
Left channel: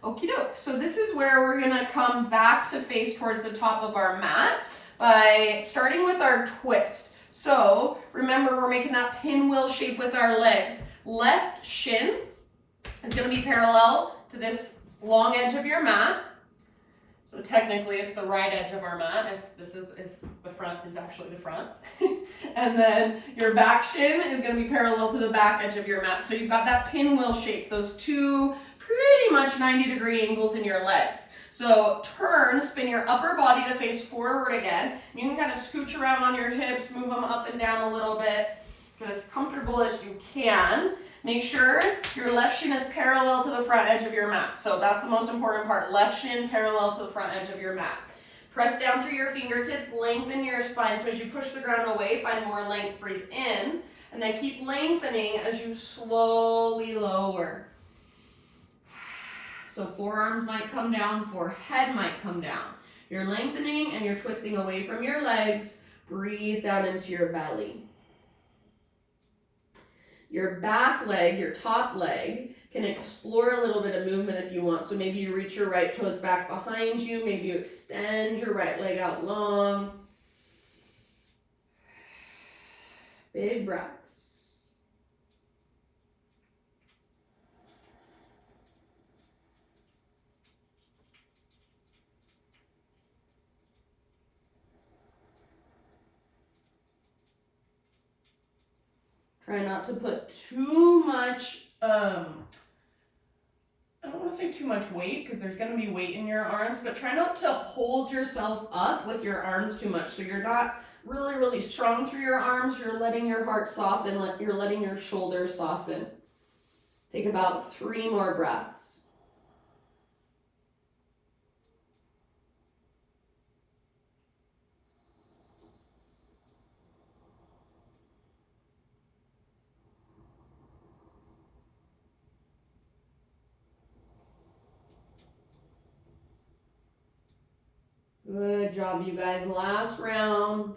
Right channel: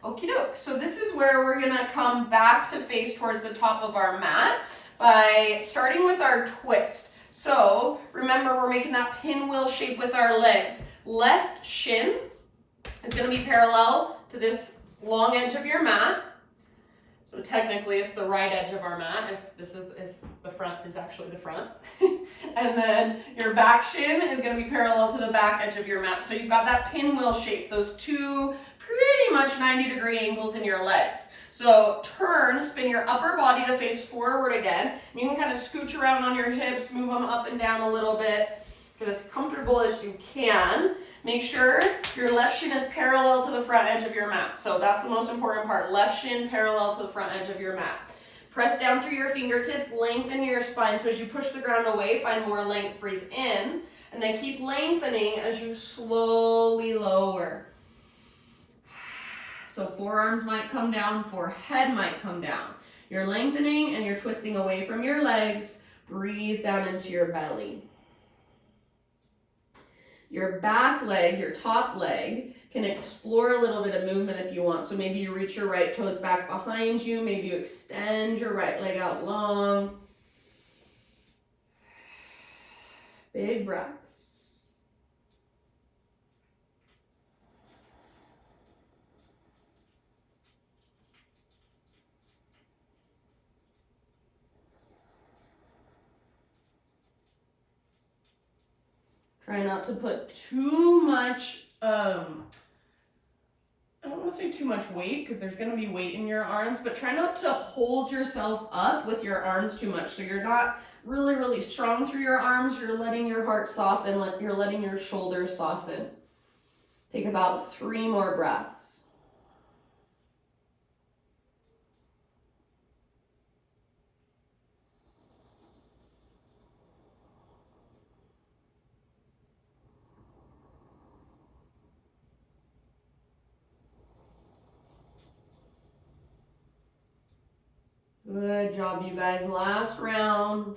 Okie doke. So this is where we're gonna come back to face towards the top of our mat by starting with our twist. So remember, we're making that pinwheel shape with our legs. Left shin is gonna be parallel to this long edge of your mat. So technically it's the right edge of our mat if the front is actually the front. And then your back shin is going to be parallel to the back edge of your mat. So you've got that pinwheel shape, those two pretty much 90-degree angles in your legs. So turn, spin your upper body to face forward again. You can kind of scooch around on your hips, move them up and down a little bit. Get as comfortable as you can. Make sure your left shin is parallel to the front edge of your mat. So that's the most important part. Left shin parallel to the front edge of your mat. Press down through your fingertips, lengthen your spine. So as you push the ground away, find more length, breathe in. And then keep lengthening as you slowly lower. So forearms might come down, forehead might come down. You're lengthening and you're twisting away from your legs. Breathe down into your belly. Your back leg, your top leg, can explore a little bit of movement if you want. So maybe you reach your right toes back behind you. Maybe you extend your right leg out long. Big breaths. Try not to put too much, I don't want to say too much weight because there's going to be weight in your arms, but try not to hold yourself up with your arms too much. So you're not really, really strong through your arms. You're letting your heart soften. You're letting your shoulders soften. Take about 3 more breaths. Good job, you guys. Last round.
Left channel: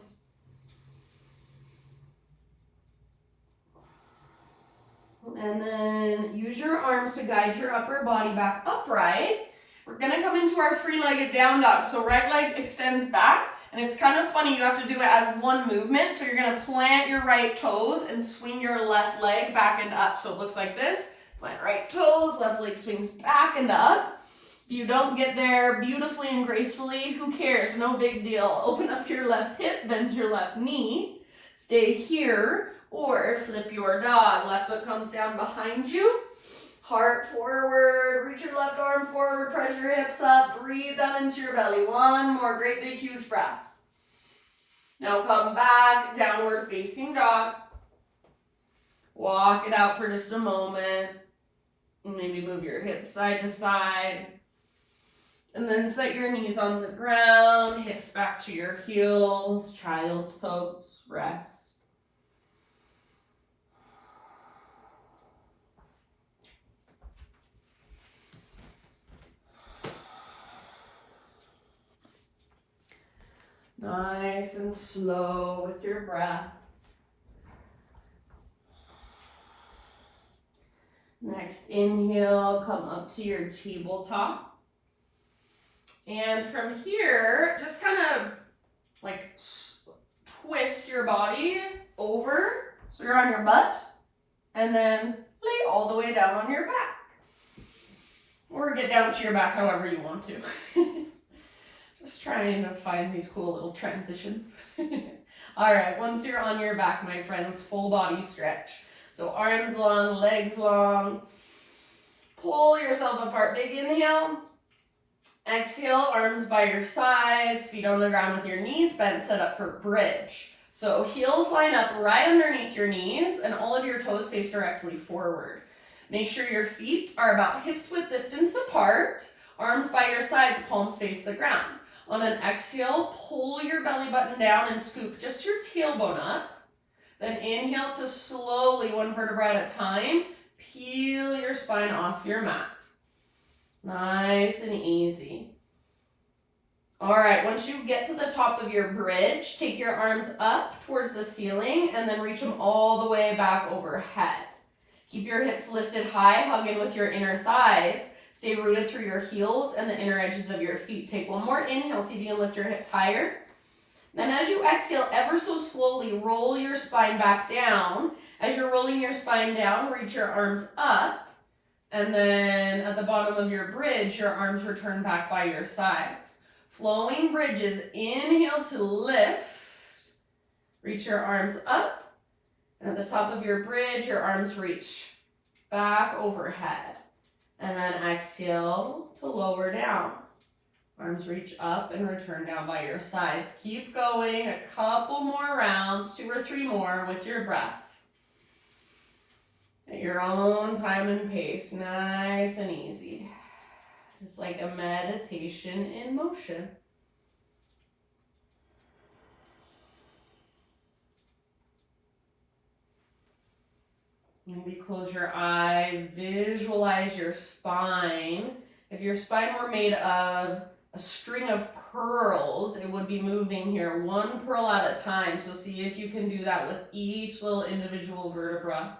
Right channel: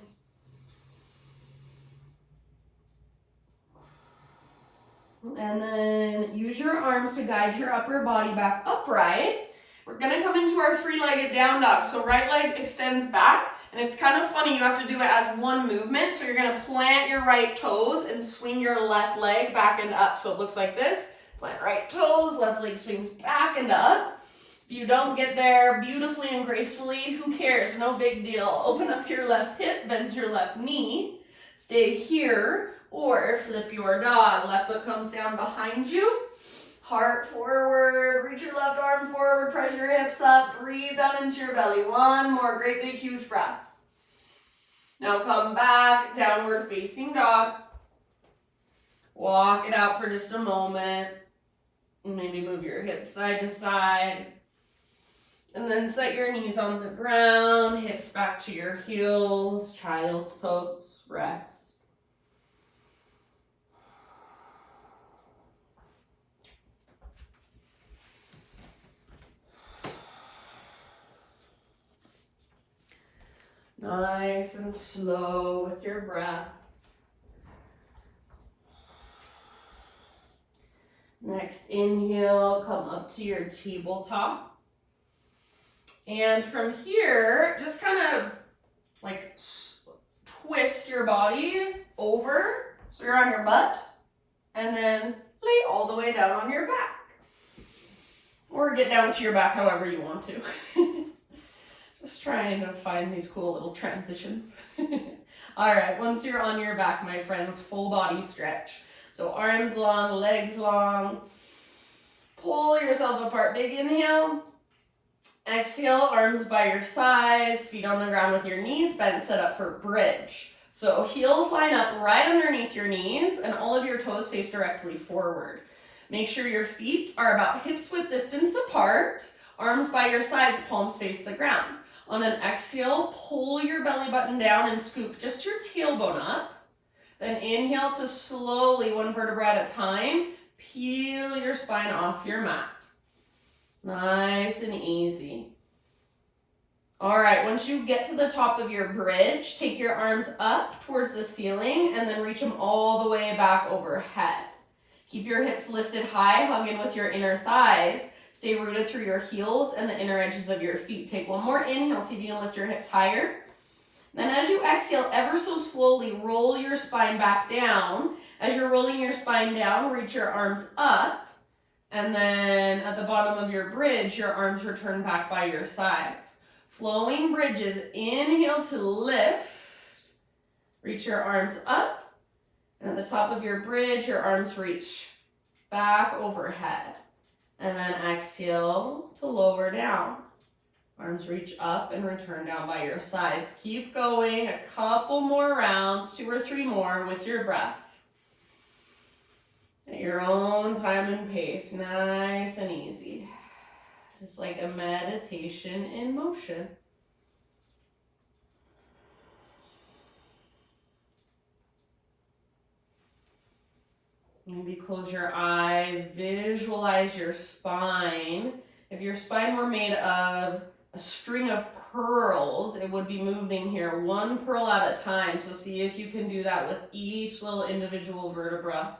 And then use your arms to guide your upper body back upright. We're gonna come into our 3-legged down dog. So right leg extends back, and it's kind of funny, you have to do it as one movement. So you're gonna plant your right toes and swing your left leg back and up. So it looks like this. Plant right toes, left leg swings back and up. If you don't get there beautifully and gracefully, who cares? No big deal. Open up your left hip, bend your left knee, stay here, or flip your dog. Left foot comes down behind you, heart forward, reach your left arm forward, press your hips up, breathe down into your belly. One more great big huge breath. Now come back, downward facing dog. Walk it out for just a moment. Maybe move your hips side to side. And then set your knees on the ground, hips back to your heels, child's pose, rest. Nice and slow with your breath. Next inhale, come up to your tabletop. And from here, just kind of like twist your body over so you're on your butt, and then lay all the way down on your back. Or get down to your back however you want to. Just trying to find these cool little transitions. All right, once you're on your back, my friends, full body stretch. So arms long, legs long. Pull yourself apart, big inhale. Exhale, arms by your sides, feet on the ground with your knees bent, set up for bridge. So heels line up right underneath your knees and all of your toes face directly forward. Make sure your feet are about hips width distance apart, arms by your sides, palms face the ground. On an exhale, pull your belly button down and scoop just your tailbone up. Then inhale to slowly, one vertebra at a time, peel your spine off your mat. Nice and easy. All right, once you get to the top of your bridge, take your arms up towards the ceiling and then reach them all the way back overhead. Keep your hips lifted high, hug in with your inner thighs. Stay rooted through your heels and the inner edges of your feet. Take one more inhale, see if you can lift your hips higher. Then as you exhale, ever so slowly, roll your spine back down. As you're rolling your spine down, reach your arms up. And then at the bottom of your bridge, your arms return back by your sides. Flowing bridges, inhale to lift. Reach your arms up. And at the top of your bridge, your arms reach back overhead. And then exhale to lower down. Arms reach up and return down by your sides. Keep going, a couple more rounds, 2 or 3 more with your breath. At your own time and pace, nice and easy. Just like a meditation in motion. Maybe close your eyes, visualize your spine. If your spine were made of a string of pearls, it would be moving here 1 pearl at a time. So see if you can do that with each little individual vertebra.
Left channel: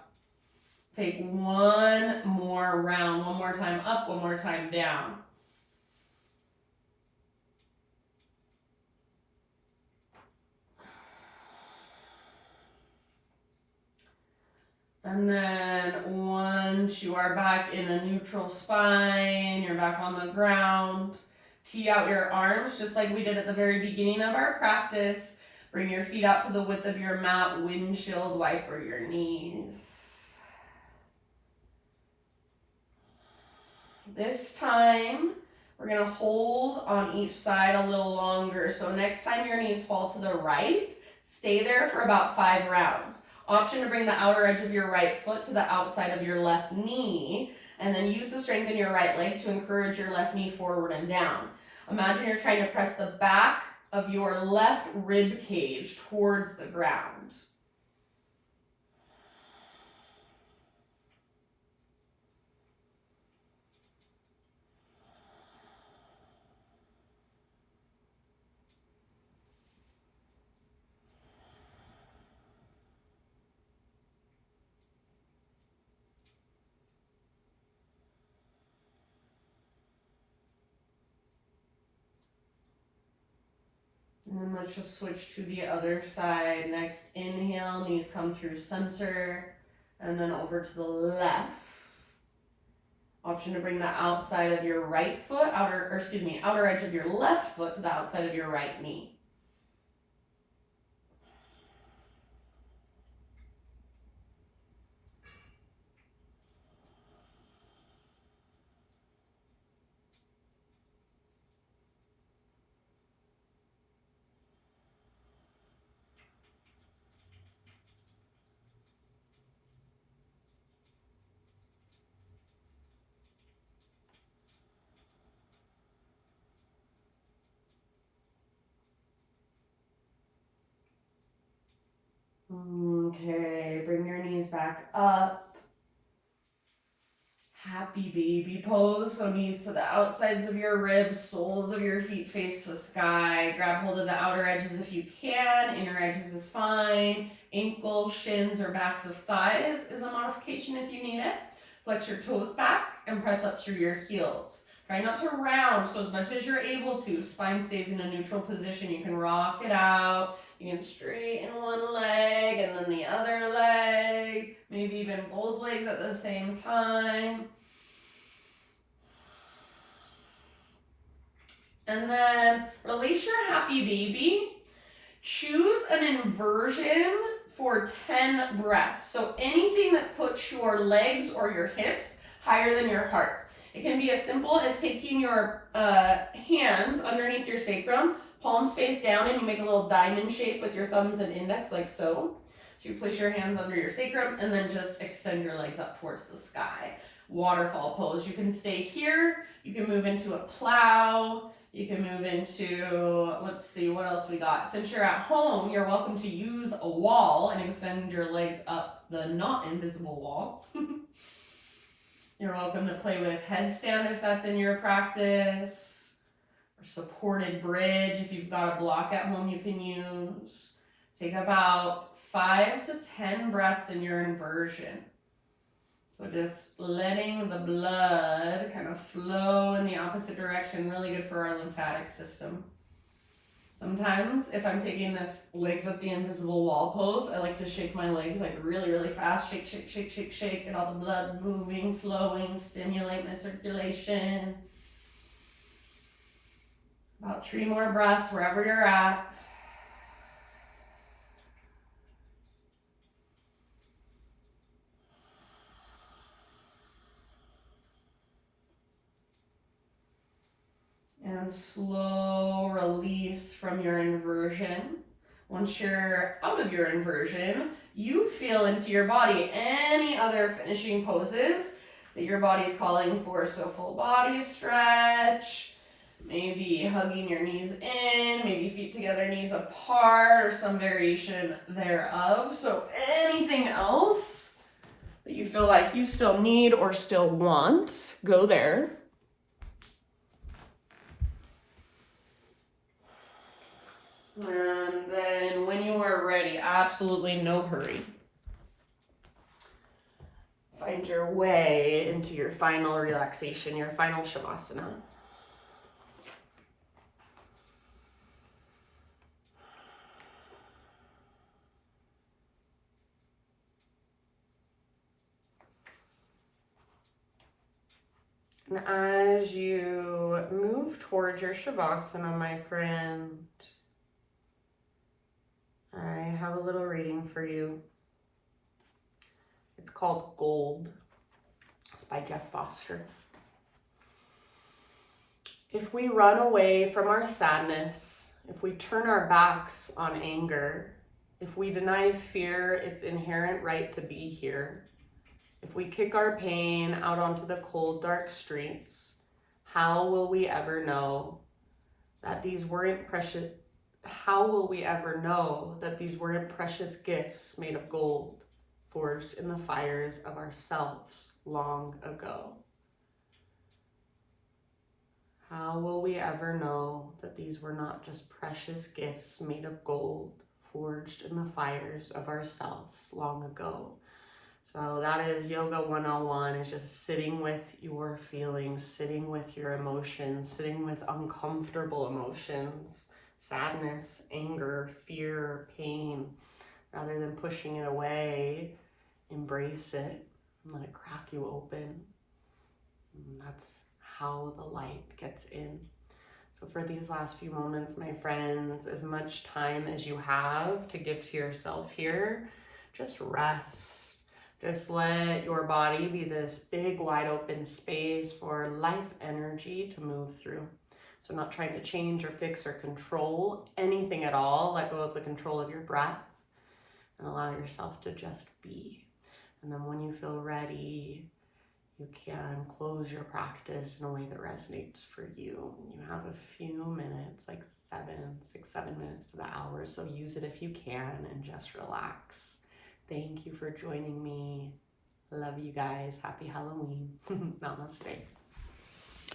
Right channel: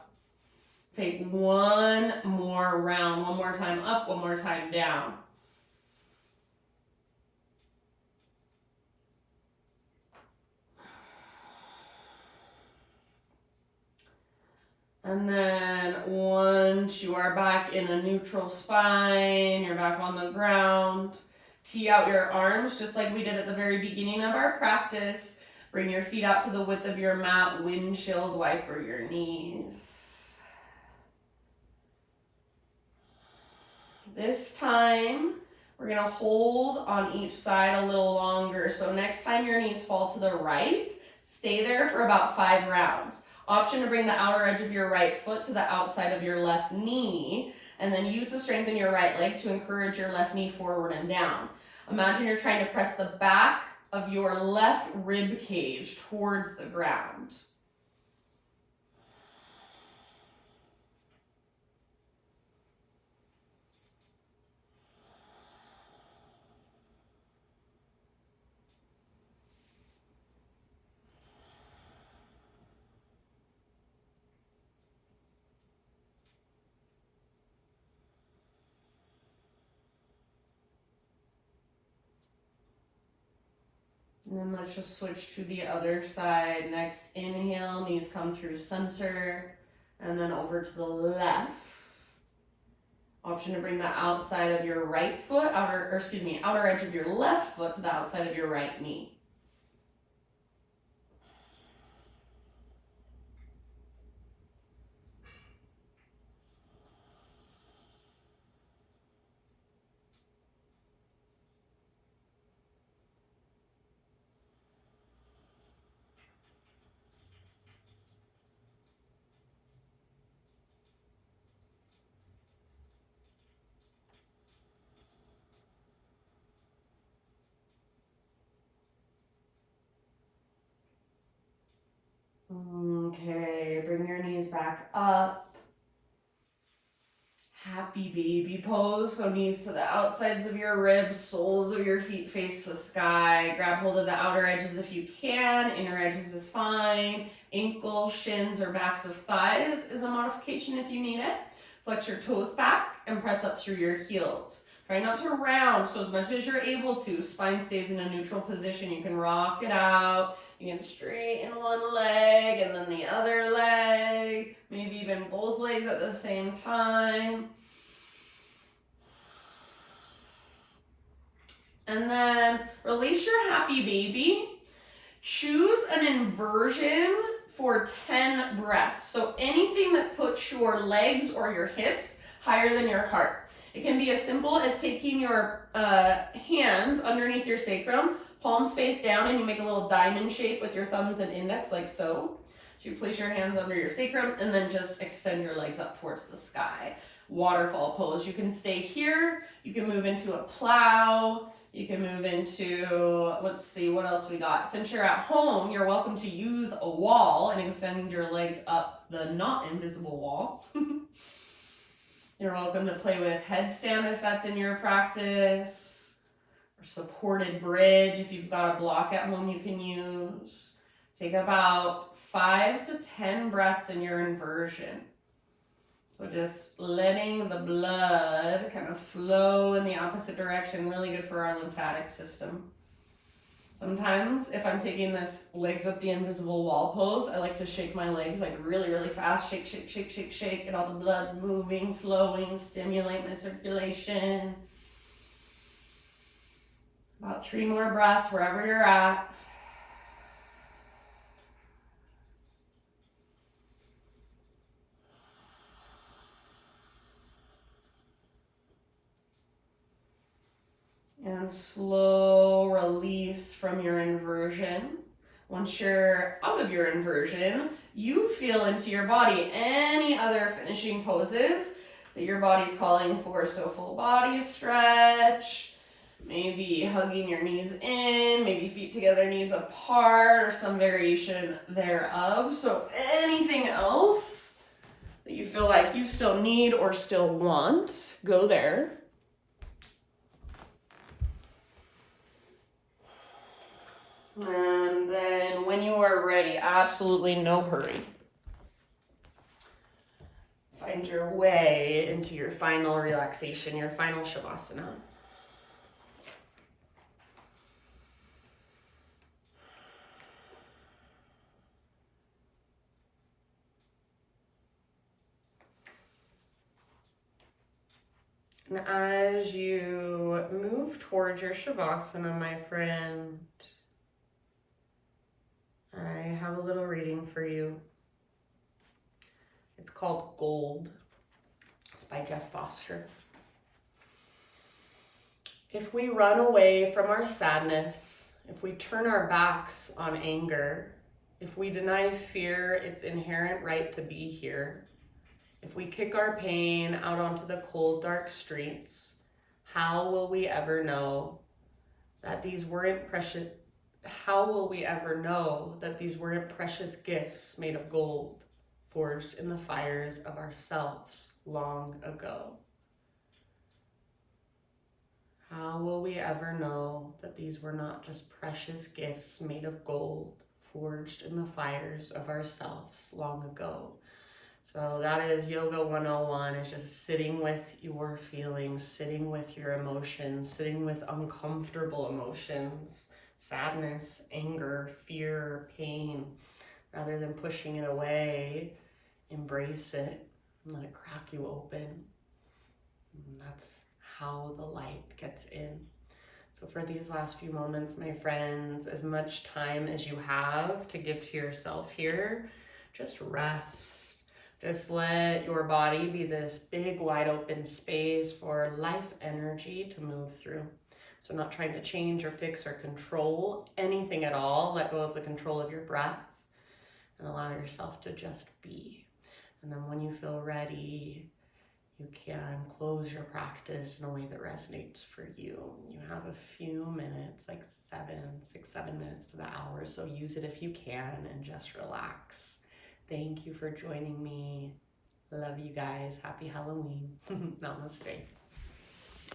Take one more round, one more time up, one more time down. And then once you are back in a neutral spine, you're back on the ground, tee out your arms just like we did at the very beginning of our practice. Bring your feet out to the width of your mat, windshield wiper your knees. This time, we're gonna hold on each side a little longer. So next time your knees fall to the right, stay there for about 5 rounds. Option to bring the outer edge of your right foot to the outside of your left knee, and then use the strength in your right leg to encourage your left knee forward and down. Imagine you're trying to press the back of your left rib cage towards the ground. And then let's just switch to the other side. Next, inhale, knees come through center, and then over to the left. Option to bring the outside of your right foot, outer edge of your left foot to the outside of your right knee. Okay, bring your knees back up. Happy baby pose. So knees to the outsides of your ribs, soles of your feet face the sky. Grab hold of the outer edges if you can. Inner edges is fine. Ankles, shins, or backs of thighs is a modification if you need it. Flex your toes back and press up through your heels. Try not to round, so as much as you're able to, spine stays in a neutral position. You can rock it out. You can straighten one leg and then the other leg. Maybe even both legs at the same time. And then release your happy baby. Choose an inversion for 10 breaths. So anything that puts your legs or your hips higher than your heart. It can be as simple as taking your hands underneath your sacrum, palms face down, and you make a little diamond shape with your thumbs and index like so. So you place your hands under your sacrum and then just extend your legs up towards the sky. Waterfall pose. You can stay here. You can move into a plow. You can move into, let's see, what else we got? Since you're at home, you're welcome to use a wall and extend your legs up the not invisible wall. You're welcome to play with headstand if that's in your practice, or supported bridge if you've got a block at home you can use. Take about 5 to 10 breaths in your inversion. So just letting the blood kind of flow in the opposite direction, really good for our lymphatic system. Sometimes if I'm taking this legs up the invisible wall pose, I like to shake my legs like really, really fast. Shake, shake, shake, shake, shake. Get all the blood moving, flowing, stimulate my circulation. About 3 more breaths wherever you're at. And slow release from your inversion. Once you're out of your inversion, you feel into your body any other finishing poses that your body's calling for. So full body stretch, maybe hugging your knees in, maybe feet together, knees apart, or some variation thereof. So anything else that you feel like you still need or still want, go there. And then when you are ready, absolutely no hurry. If I your way into your final relaxation, your final Shavasana. And as you move towards your Shavasana, my friend, I have a little reading for you. It's called Gold. It's by Jeff Foster. If we run away from our sadness, if we turn our backs on anger, if we deny fear its inherent right to be here, if we kick our pain out onto the cold, dark streets, how will we ever know that these weren't precious? How will we ever know that these weren't precious gifts made of gold, forged in the fires of ourselves long ago? How will we ever know that these were not just precious gifts made of gold, forged in the fires of ourselves long ago? So that is Yoga 101, is just sitting with your feelings, sitting with your emotions, sitting with uncomfortable emotions, sadness, anger, fear, pain. Rather than pushing it away, embrace it and let it crack you open. And that's how the light gets in. So for these last few moments, my friends, as much time as you have to give to yourself here, just rest. Just let your body be this big, wide open space for life energy to move through. So not trying to change or fix or control anything at all. Let go of the control of your breath and allow yourself to just be. And then when you feel ready, you can close your practice in a way that resonates for you. You have a few minutes, like 7 minutes to the hour. So use it if you can and just relax. Thank you for joining me. Love you guys. Happy Halloween. Namaste.